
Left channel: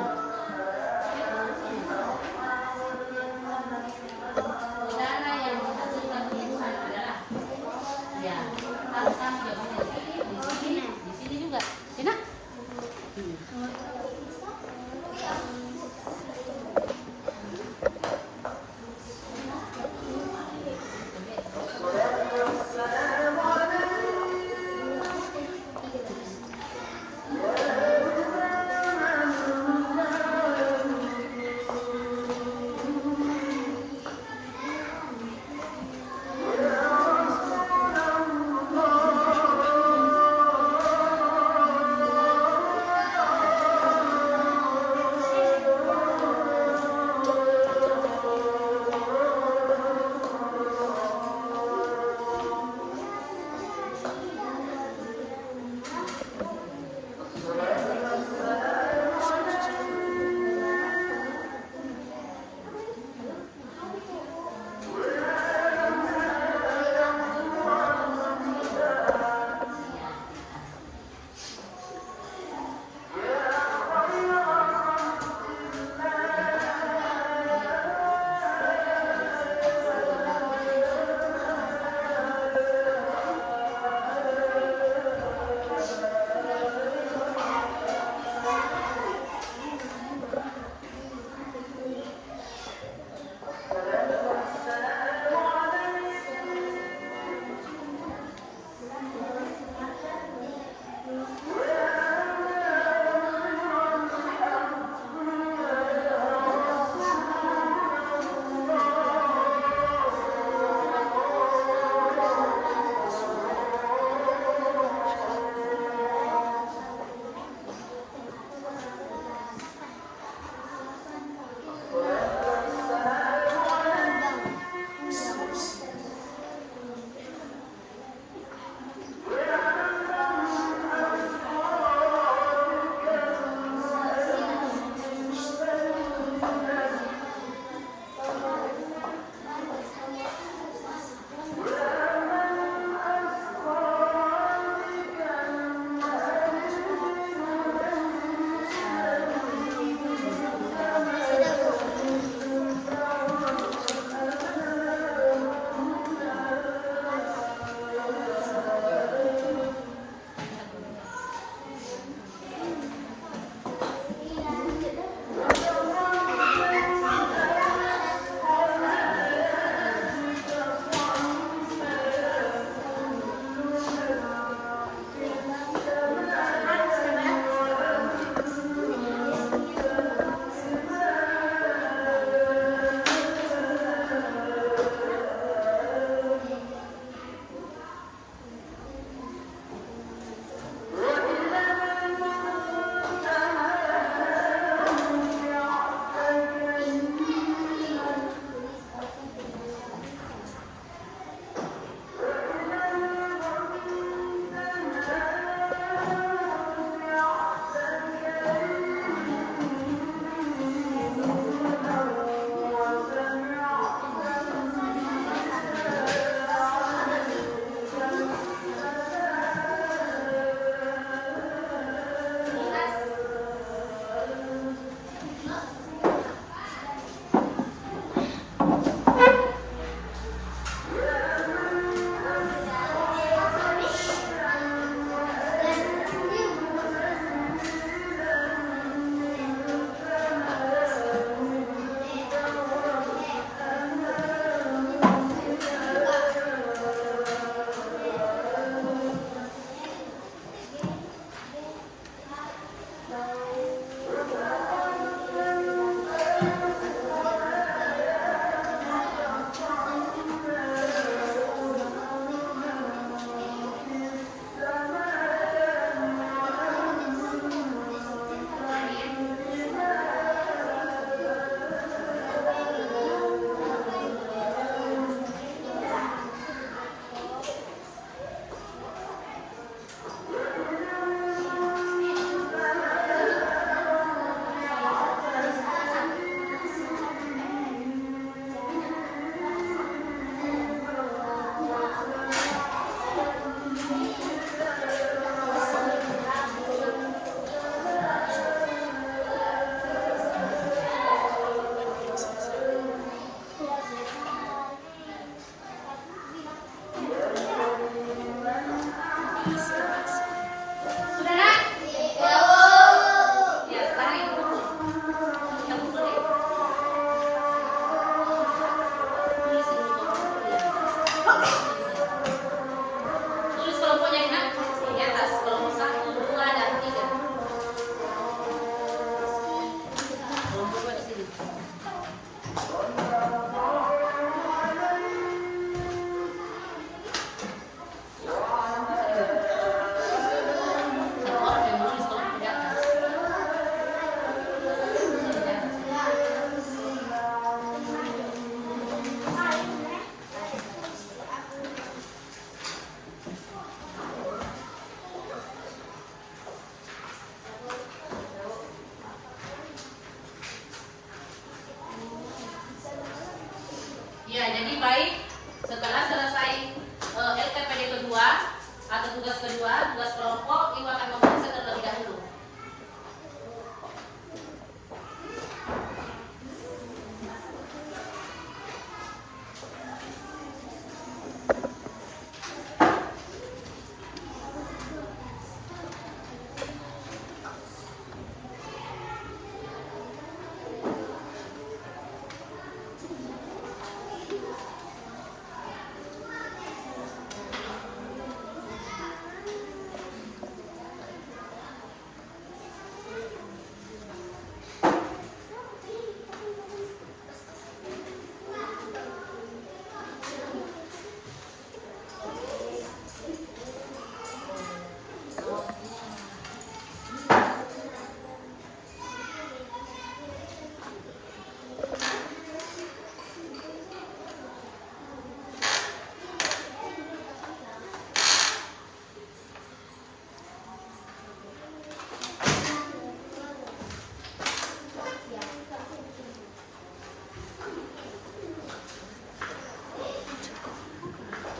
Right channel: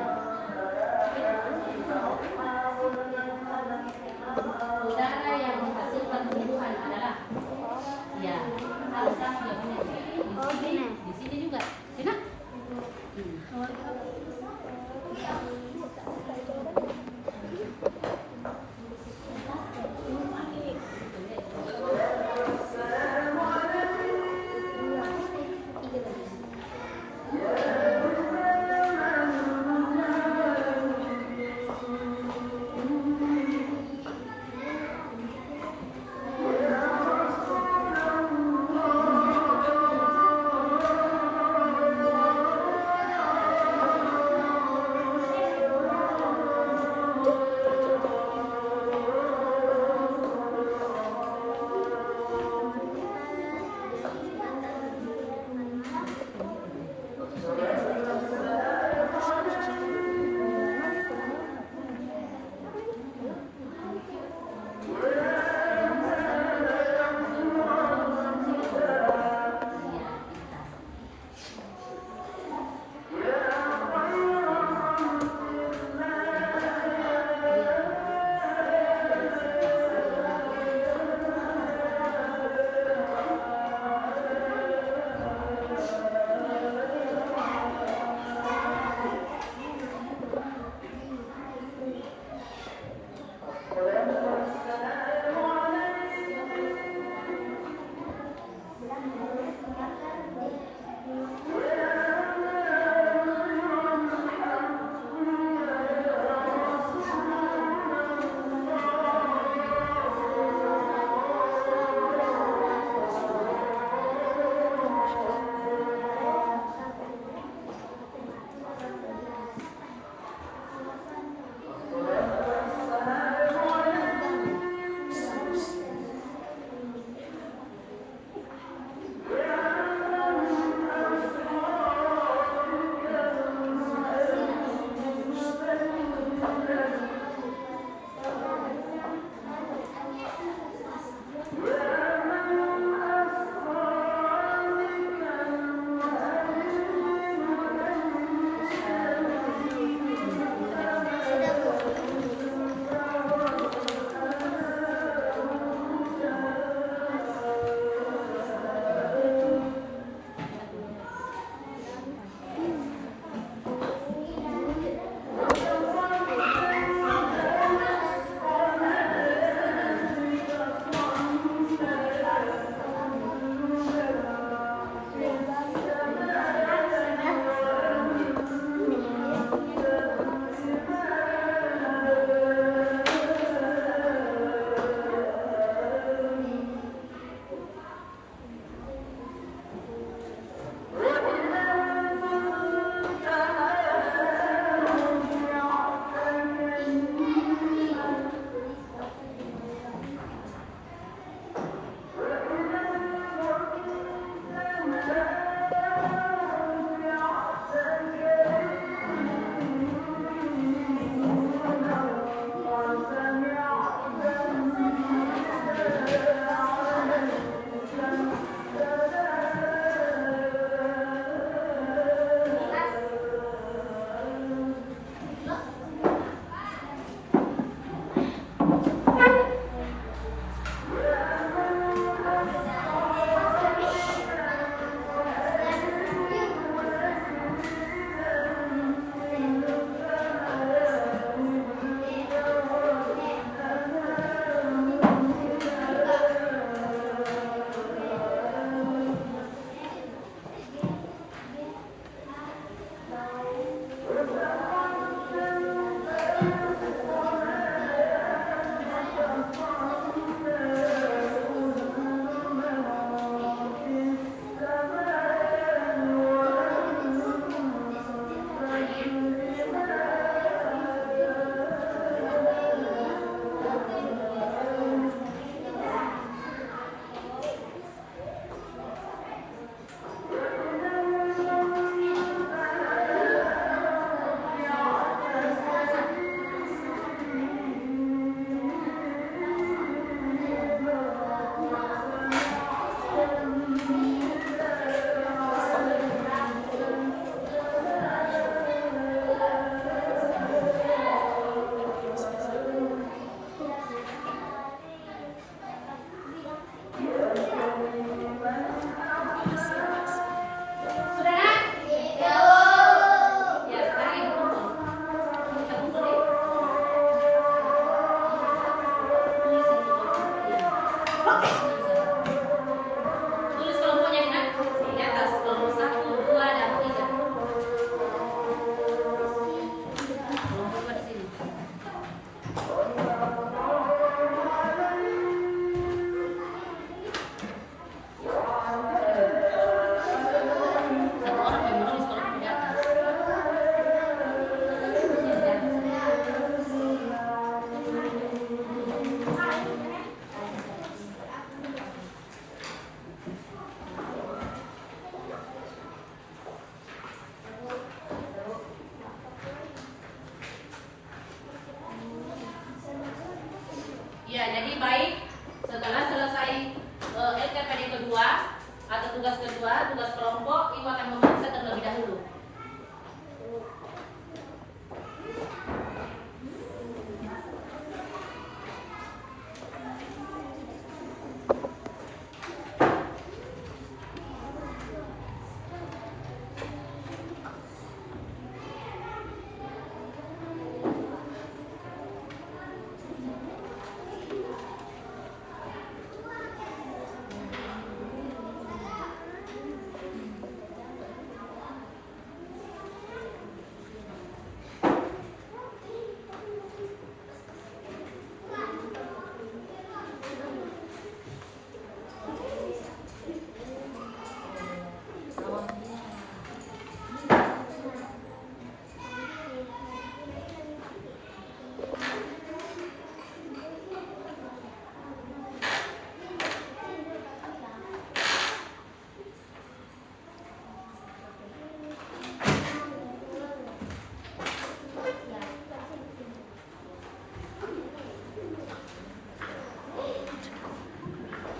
Ya, jadi baik setelah selesai LKPD kedua atau tugas kedua, tugas kelompok, Ibu akan memeriksa terlebih dahulu.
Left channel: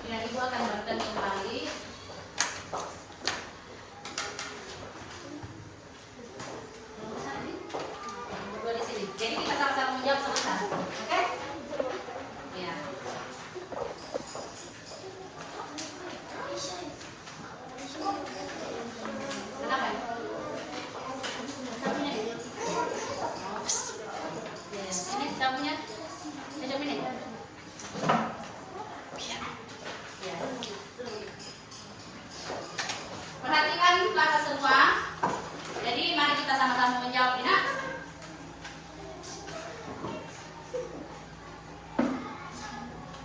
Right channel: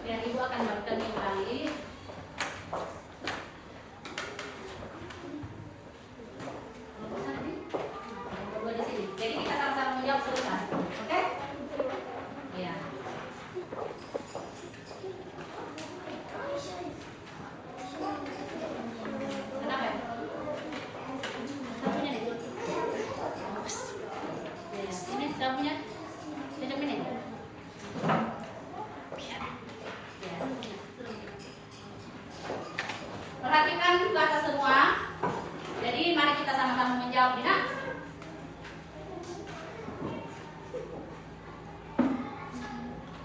Ya, Ibu akan berikan kembali. Berdua di sini. Jadi kita sama-sama menjawab sebentar. Oke? Ya. Kenapa? Sapunya ini. Ya, ini sapunya. Macam ini. Perhatikan kakak semua. Jadi mari kita sama-sama menjawab, Dina.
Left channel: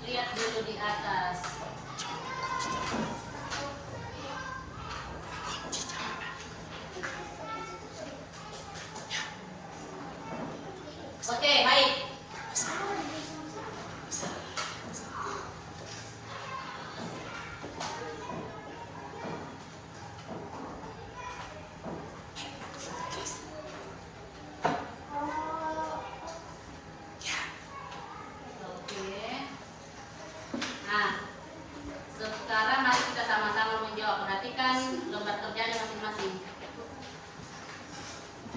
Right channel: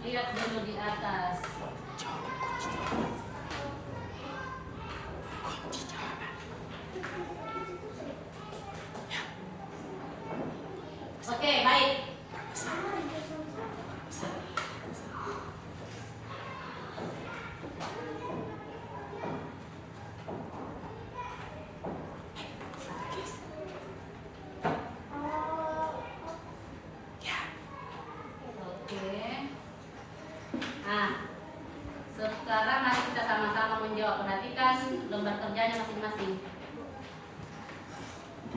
Lihat dulu di atas. Oke, baik. Oke. Nah, sekarang mari kita sama-sama menjawab. Perhatikan lembar kerjanya masing-masing.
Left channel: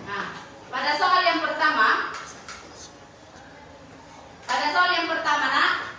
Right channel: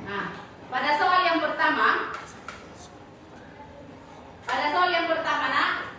Nah, pada soal yang pertama, Nak,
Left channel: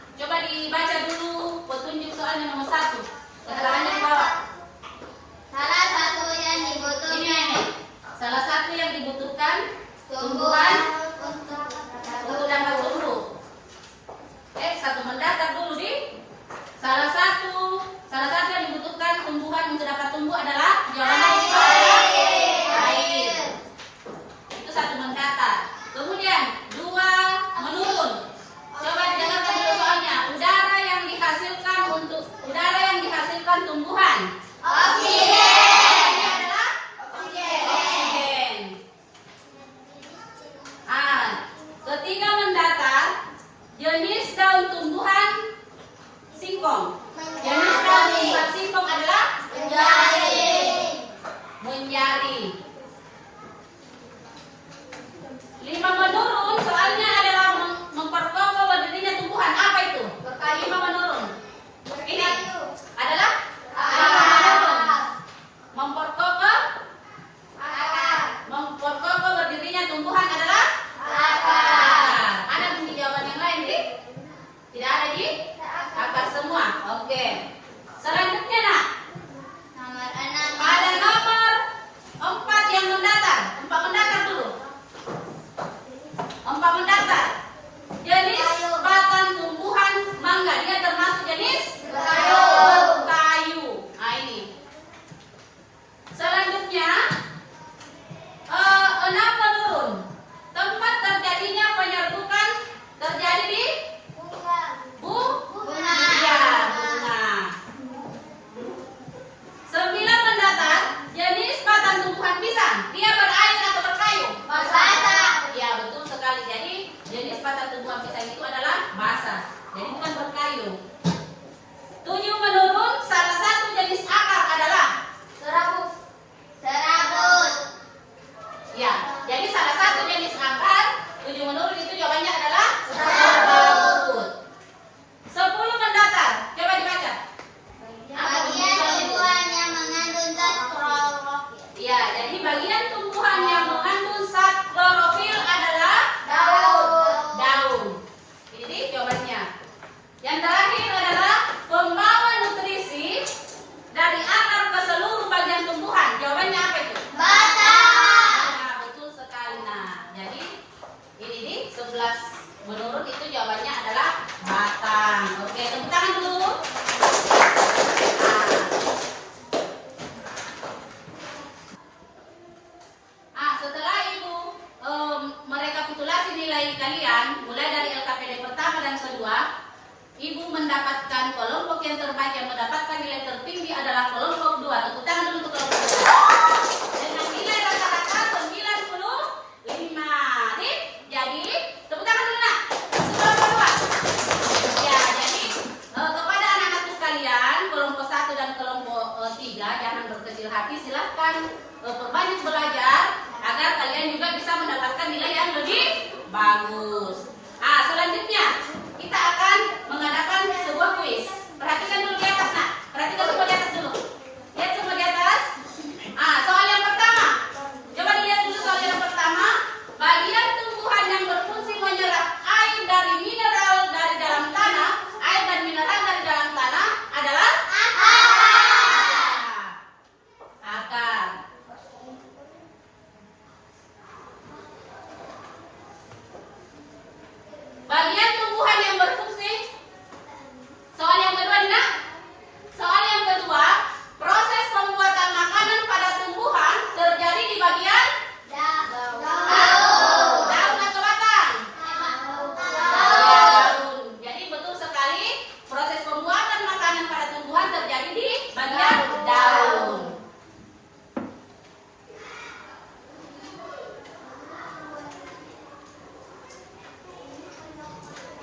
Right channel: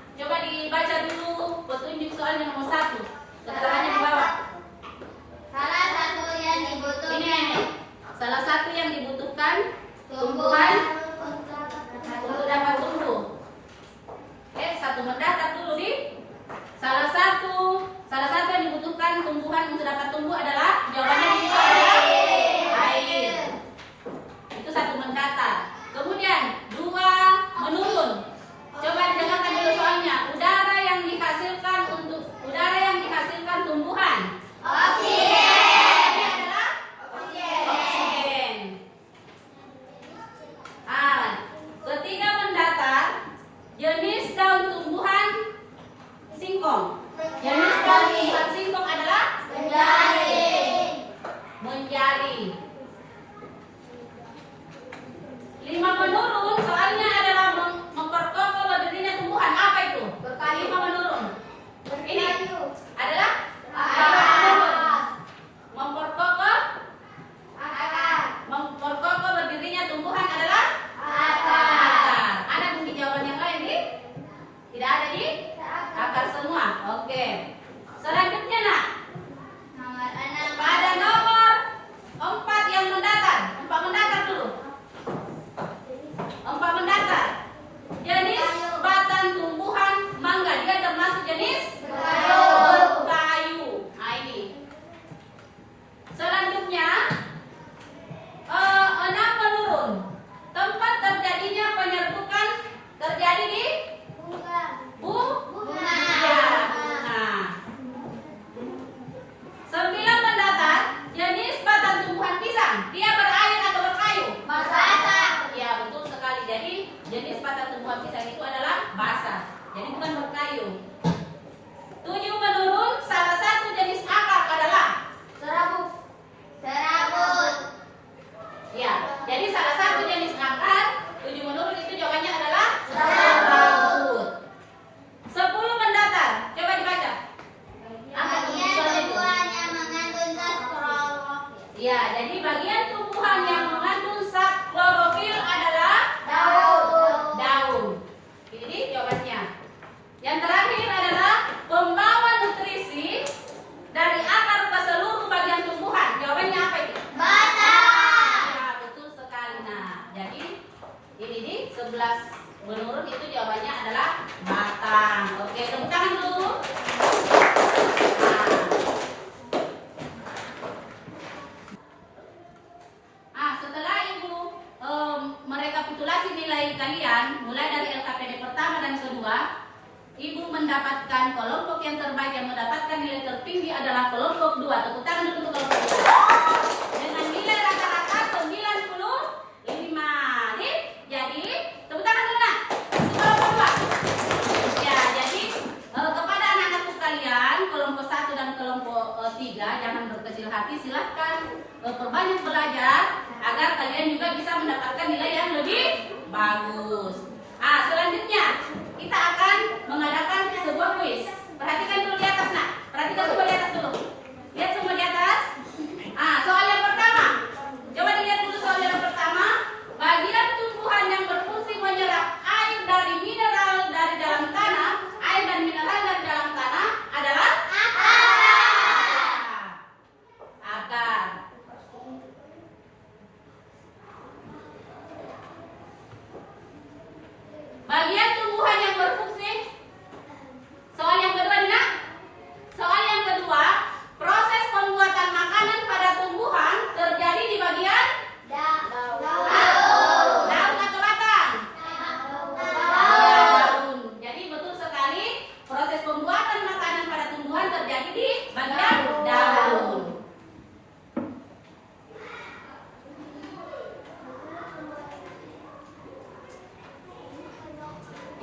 11 menurut itu jawabannya adalah batang. Oke, tepuk tangan dulu. Setelah Ibu merekapitulasi nilai kalian mulai dari LKPD pertama dan kedua, Ibu mendapatkan kelompok yang terbaik yang mendapatkan nilai tertinggi adalah kelompok 2. Tepuk tangan dulu untuk kelompok 2. Dengan nilai rata-rata 95. Jadi, tepuk tangan dulu nak. Kelompok 2. Ya, jadi kepada anak-anakku sekalian, kelompok 1 dan kelompok 3, jangan berkecil hati, silahkan perbanyak belajar agar kalian juga bisa mendapatkan nilai yang lebih bagus. Selanjutnya kita akan mengadakan sebuah kuis. Perhatikan dulu di atas nak. Perhatikan semua di atas dulu. Lihat semua di atas. Soal yang pertama. Coba dilihat dulu soal yang pertama. Bagian tumbuhan yang berfungsi menyerap air dari mineral dari dalam tanah, air dan mineral dari dalam tanah adalah akar. Bagian tumbuhan yang berfungsi. Soal yang kedua Dina. Soal yang kedua, proses pembuatan makanan pada tumbuhan terjadi di bagian daun atau batang? Daun. Jadi betul sekali, proses pembuatan makanan pada tumbuhan terjadi di bagian daun.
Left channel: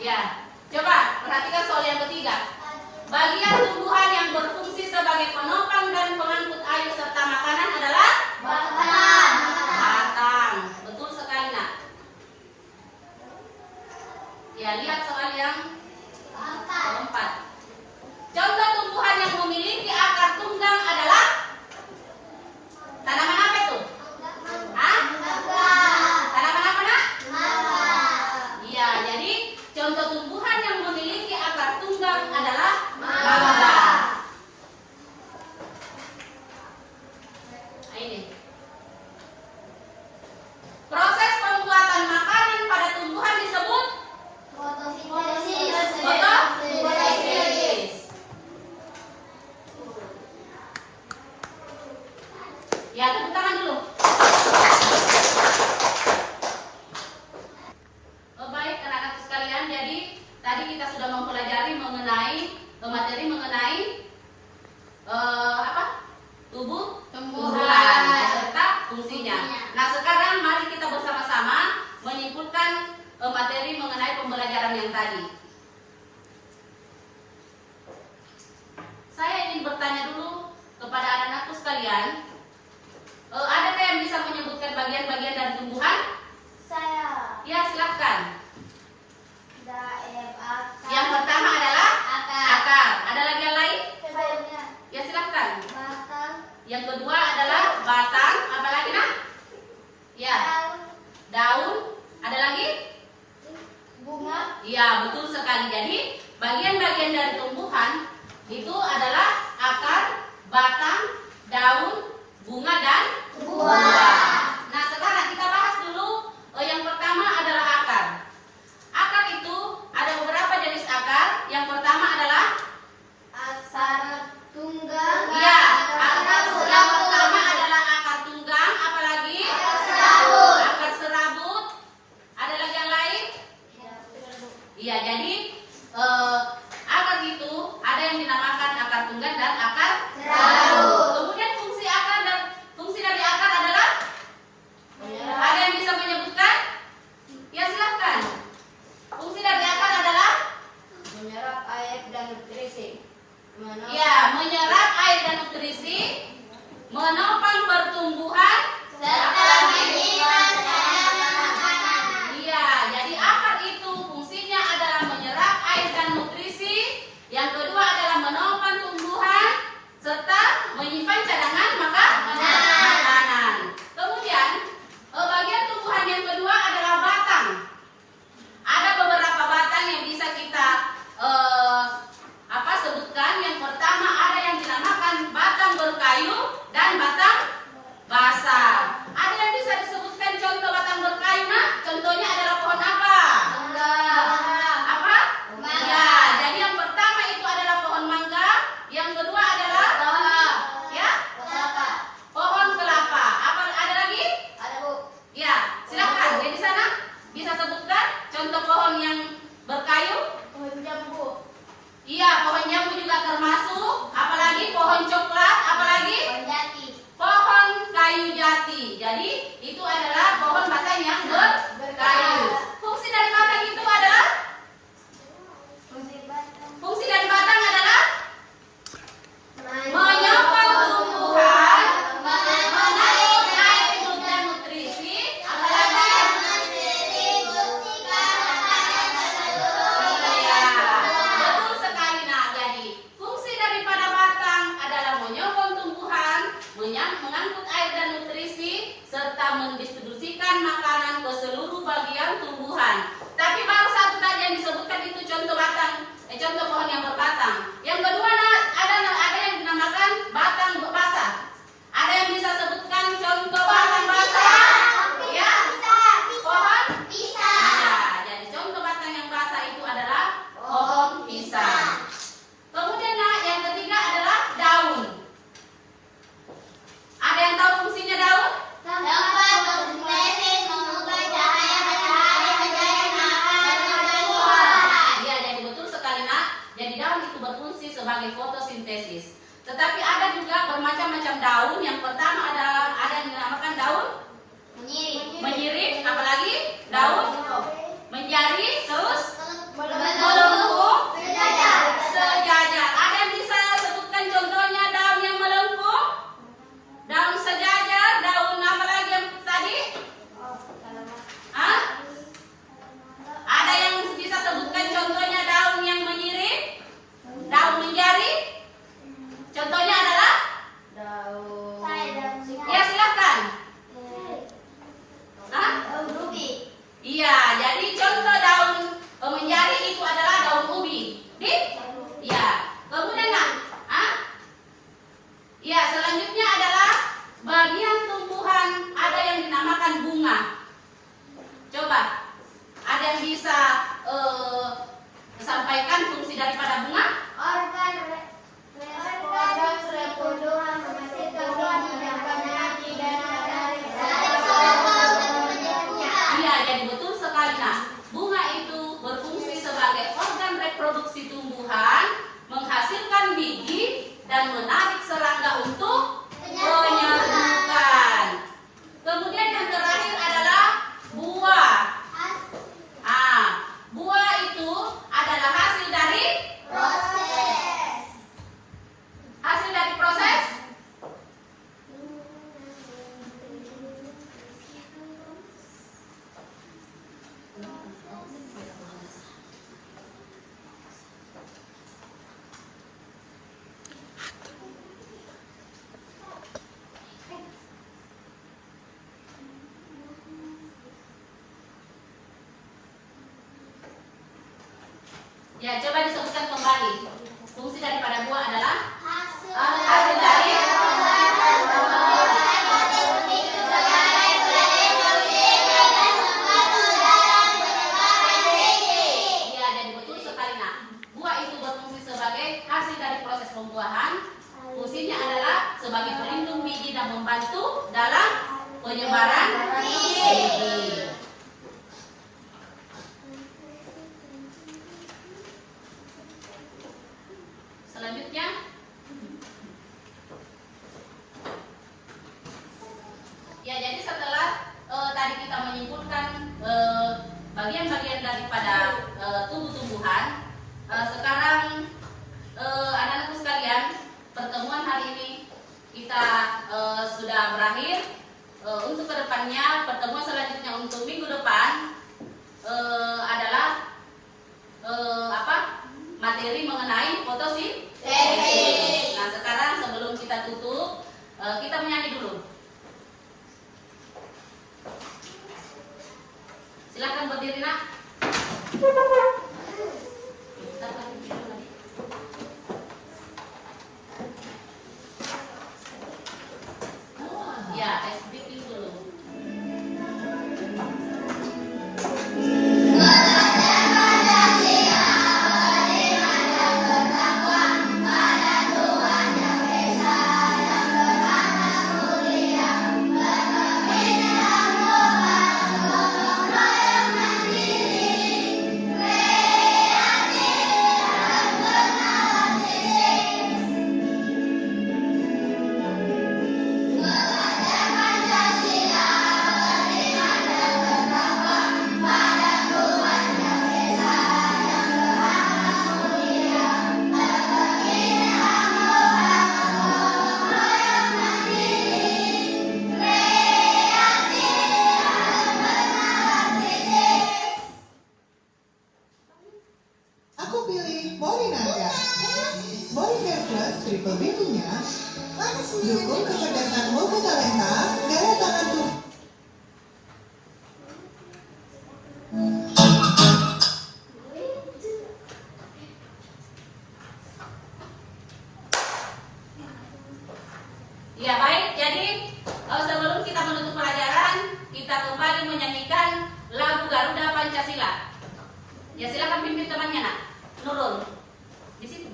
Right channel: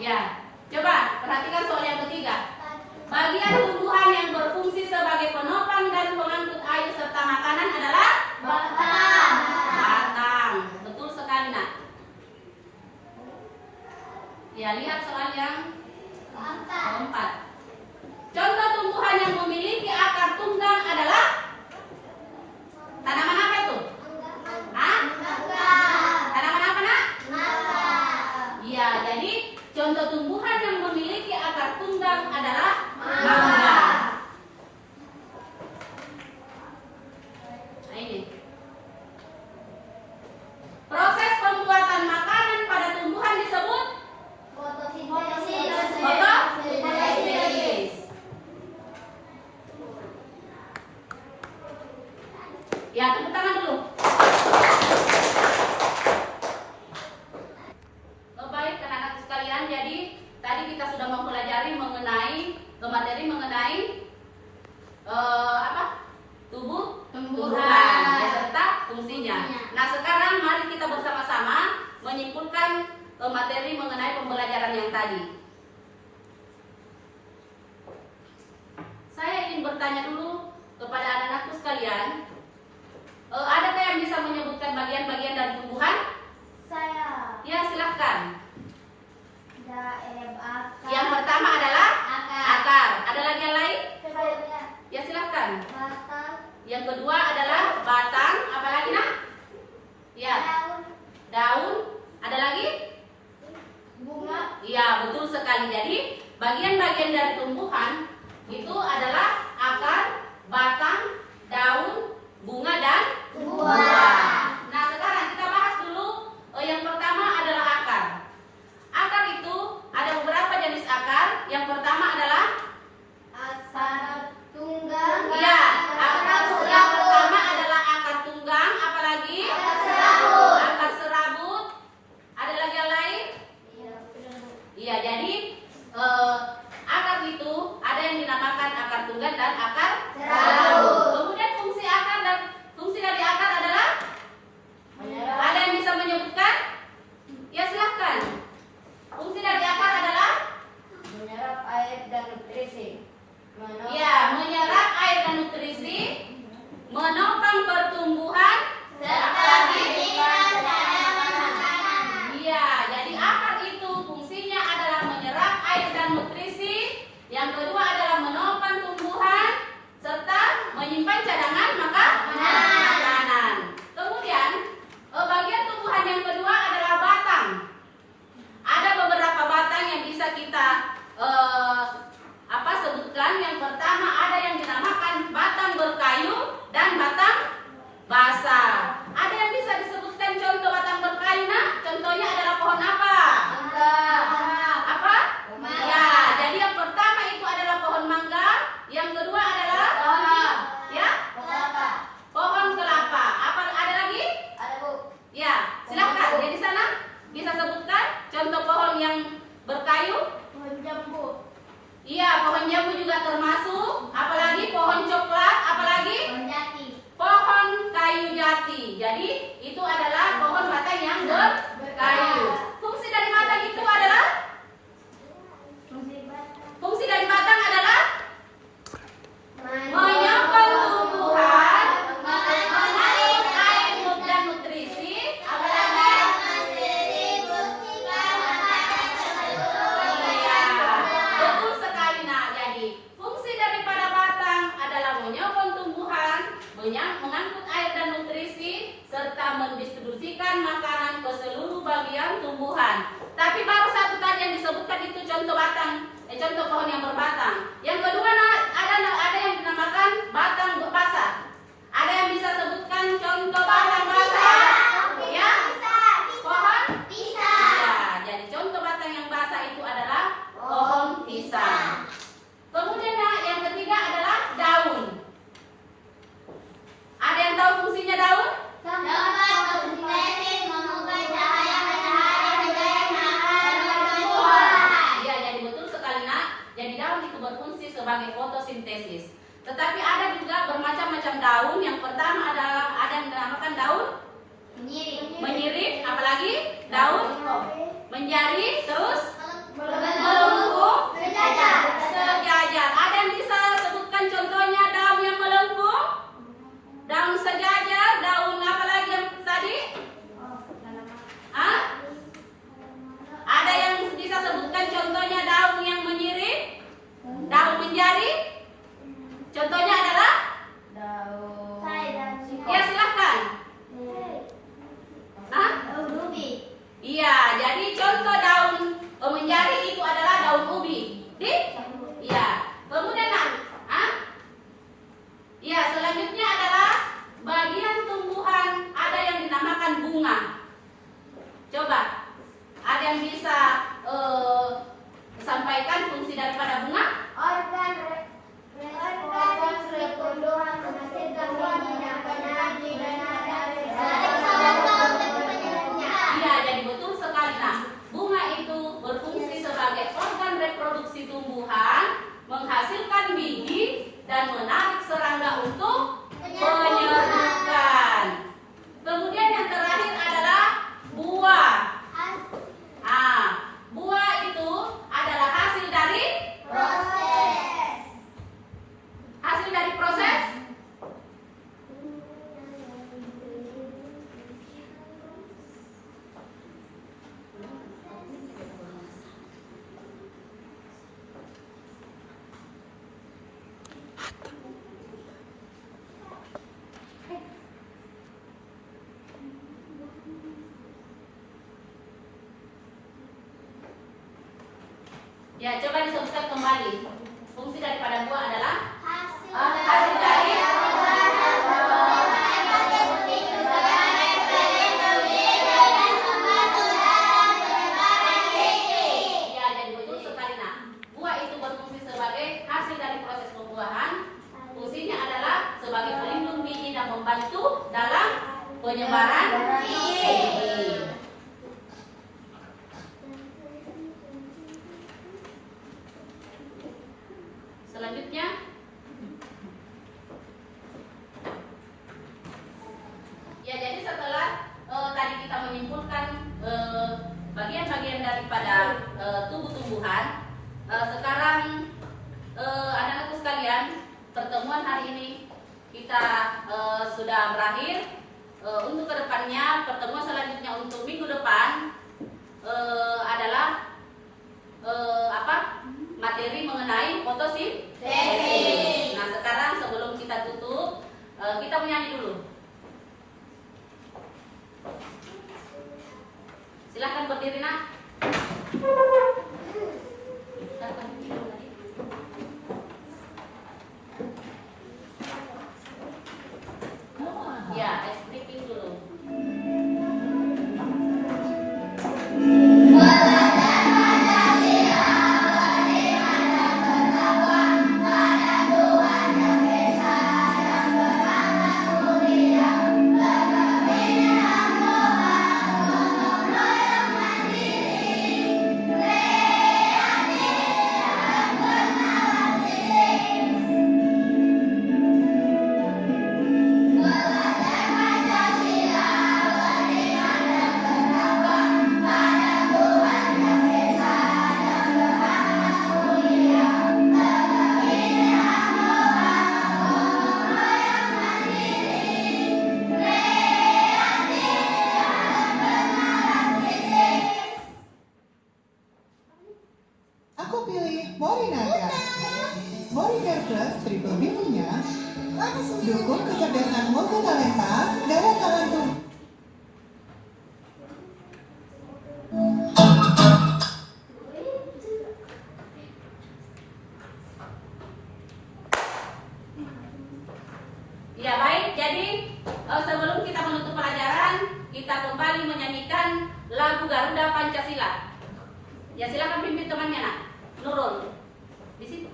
Ya, coba perhatikan soal yang ketiga. Bagian tumbuhan yang berfungsi sebagai penopang dan pengangkut air serta makanan adalah batang. Betul sekali nak. Ya, lihat soal yang keempat. Contoh tumbuhan yang memiliki akar tunggang adalah tanaman apa itu? Tanaman apa nak? Iya, jadi contoh tumbuhan yang memiliki akar tunggang adalah mangga. Nah, ini. Proses pembuatan makanan pada tumbuhan disebut fotosintesis. Ya, tepuk tangan dulu. Baik anak-anak sekalian, jadi tadi kita sudah mempelajari mengenai materi mengenai tumbuhan beserta fungsinya. Nah, sekarang mari kita bersama-sama menyimpulkan materi mengenai pembelajaran yang tadi. Saya ingin bertanya dulu kepada anak-anakku sekalian, adakah yang bisa menyebutkan bagian-bagian dari tumbuhan? Saya. Ya, silahkan. Akar. Yang pertama adalah akar. Ada lagi yang lain? Daunnya. Ya, silahkan. Batang. Yang kedua adalah batang. Apa lagi nak? Ya, daun. Ada lagi? Bunga. Iya, betul sekali. Jadi bagian-bagian dari tumbuhan itu adalah akar, batang, daun, bunga, dan buah. Nah, sekarang kita bahas dulu. Yang pertama adalah akar. Akar itu ada beberapa jenis akar. Yang pertama adalah Akar tunggang. ya, yang pertama adalah akar tunggang. Apalagi? Akar serabut. Ada lagi yang lain? Iya, jadi akar itu ada yang dinamakan akar tunggang dan akar serabut. Kemudian fungsi akar dan fungsi dari akar adalah ada yang bisa menyebutkan? berkayu. Pohon jambu. Iya, pohon jambu juga termasuk. Apalagi pohon coklat, apalagi Pohon jati. pohon kayu jati. Jadi itu adalah pohon batang yang berkayu. Fungsi dari batang itu adalah fungsi dari batang adalah menyokong tumbuhan, menarik air dan nutrisi, apalagi ya, betul sekali. Nah, jadi fungsi daripada batang adalah menyokong tumbuhan, mengangkut air dan nutrisi, serta mendistribusikan makanan ke seluruh bagian tumbuhan. Tapi baru satu tadi yang disebutkan itu contoh batang, contoh pohon yang berbatang. Yang kedua ada yang dinamakan batang basah. Ada yang bisa sebutkan contoh batang basah? Ya, pohon pisang. Ya, jadi contoh batang yang basah itu adalah pohon pisang. Kemudian yang ketiga adalah daun. Ada yang tahu fungsinya daun? Dapat fotosintesis, mengubah cahaya matahari menjadi tumbuhan. Ya, jadi betul sekali nak. Jadi daun itu berfungsi sebagai fotosintesis. Tetapi ada juga bermacam-macam daun. Yang pertama adalah ada yang dinamakan daun menyirip, apalagi daun menjari, terus melengkung, sejajar. Ada yang bisa sebutkan contohnya daun yang melengkung, daun sejajar, daun apa lagi yang tadi? Hah? Ada yang bisa sebutkan contohnya daun yang menyirip, daun menjari? Contohnya adalah? Ya, silakan. Hah? Iya, jadi contoh daun menjari itu adalah daun ubi. Iya. Kemudian iya, selanjutnya adalah bagian tumbuhan ada yang dinamakan bunga. Coba, ada yang bisa sampaikan fungsi daripada bunga? Organ reproduksi menghasilkan wangi dan penadi dan Iya, jadi betul sekali. Nah, bunga itu berfungsi sebagai organ reproduksi tumbuhan, menghasilkan biji dan menarik serangga untuk penyerbukan. Kemudian yang terakhir adalah buah. Buah itu adalah hasil dari proses. Ya, coba disebutkan kembali. Fungsi daripada buah adalah hasil dari ya, jadi betul sekali. Nah, buah itu berfungsi sebagai hasil dari proses pembuahan. Fungsinya adalah sebagai pelindung biji dan membantu dalam penyebaran biji. Selanjutnya, ya, jadi setelah tadi kita menyimpulkan bagian-bagian daripada tumbuh-tumbuhan, sekarang anak-anakku sekalian, pertemuan hari ini kita sudah berakhir. Untuk kedepannya, pertemuan selanjutnya untuk minggu depan adalah materi mengenai fotosintesis. Nah, sekarang sebelum kita tutup, kita menyanyi dulu. Silakan berdiri, nak. Ya, speaking dulu. Plus Triple B punya dukung kecerdasan multitalenta, daya tahan tubuh. Ya baik, jadi sebelum kita menutup pelajaran, kita kembali menyanyikan lagu Garuda Pancasila. Ya silakan pimpin temannya nak, Nurul. Di situ.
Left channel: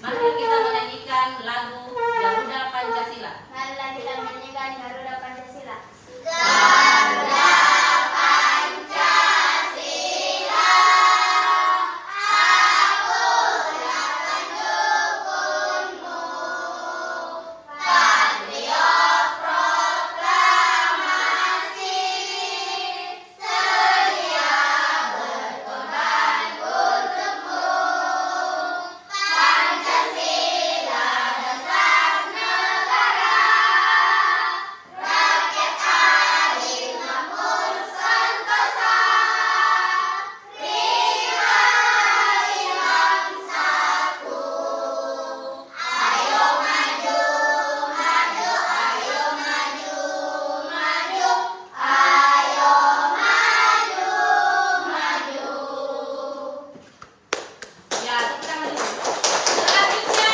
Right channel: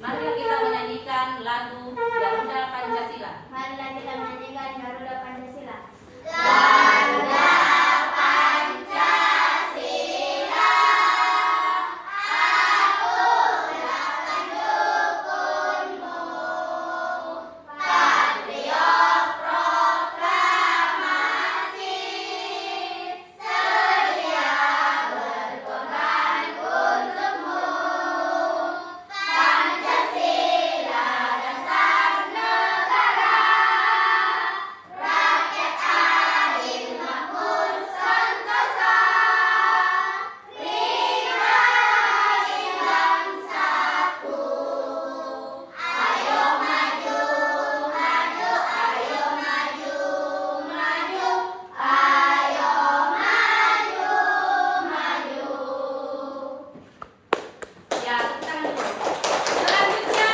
Mari kita menyanyikan lagu Garuda Pancasila. Marilah kita menyanyikan Garuda Pancasila. Ya, tepuk tangan dulu. Selanjutnya,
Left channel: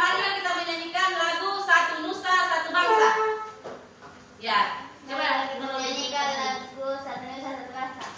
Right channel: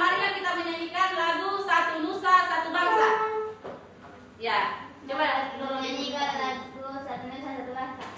marilah kita menyanyikan lagu Satu Nusa Satu Bangsa. Ya, coba Nurul. Menyanyikan lagu Satu Nusa Satu Bangsa.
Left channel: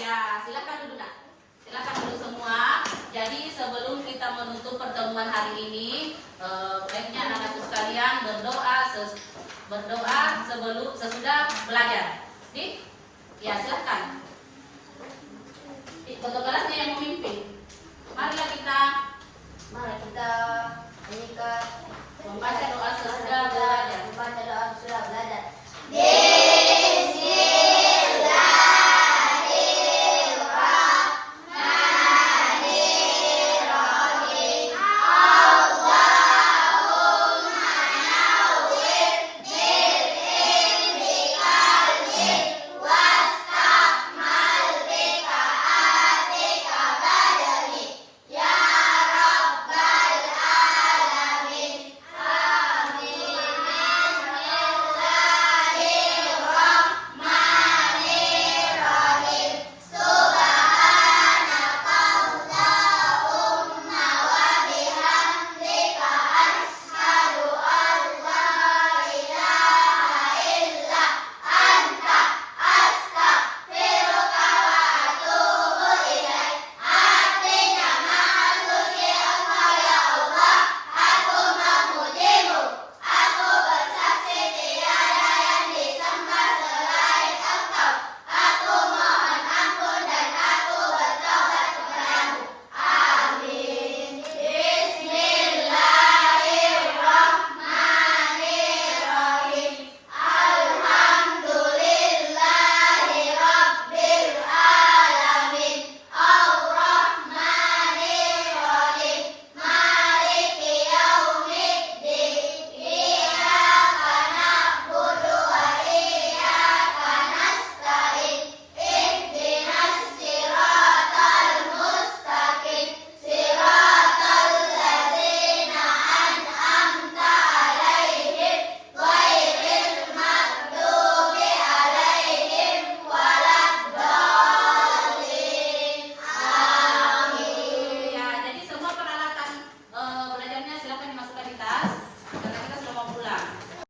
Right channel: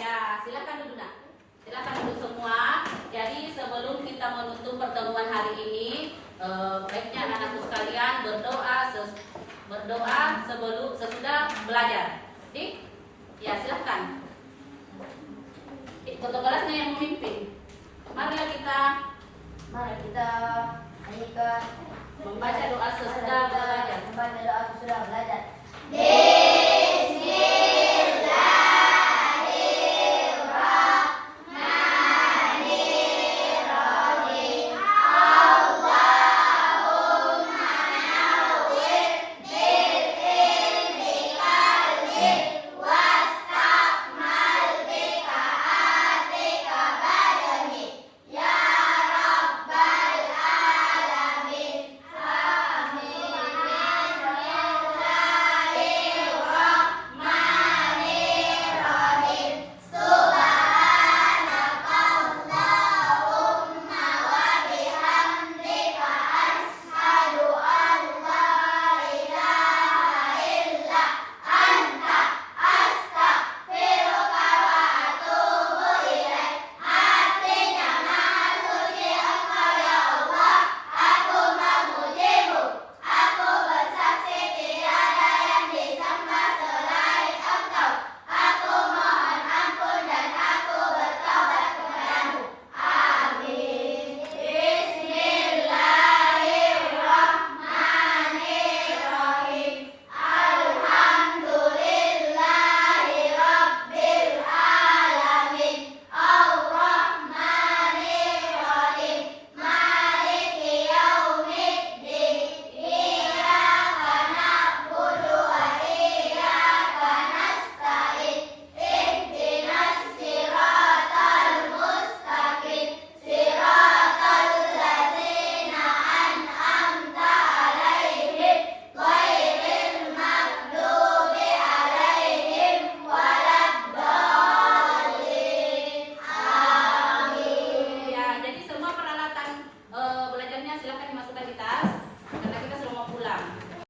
Ya, silakan duduk nak. Silakan duduk semua. Jadi sebelum kita menutup pertemuan hari ini, baiknya anak-anakku sekalian berdoa sebelum sesudah belajar. Oke? Ya, silakan. Foto kelasnya yang memimpin. Marilah kita menyanyikan membaca doa sesudah belajar. membaca doa sesudah belajar.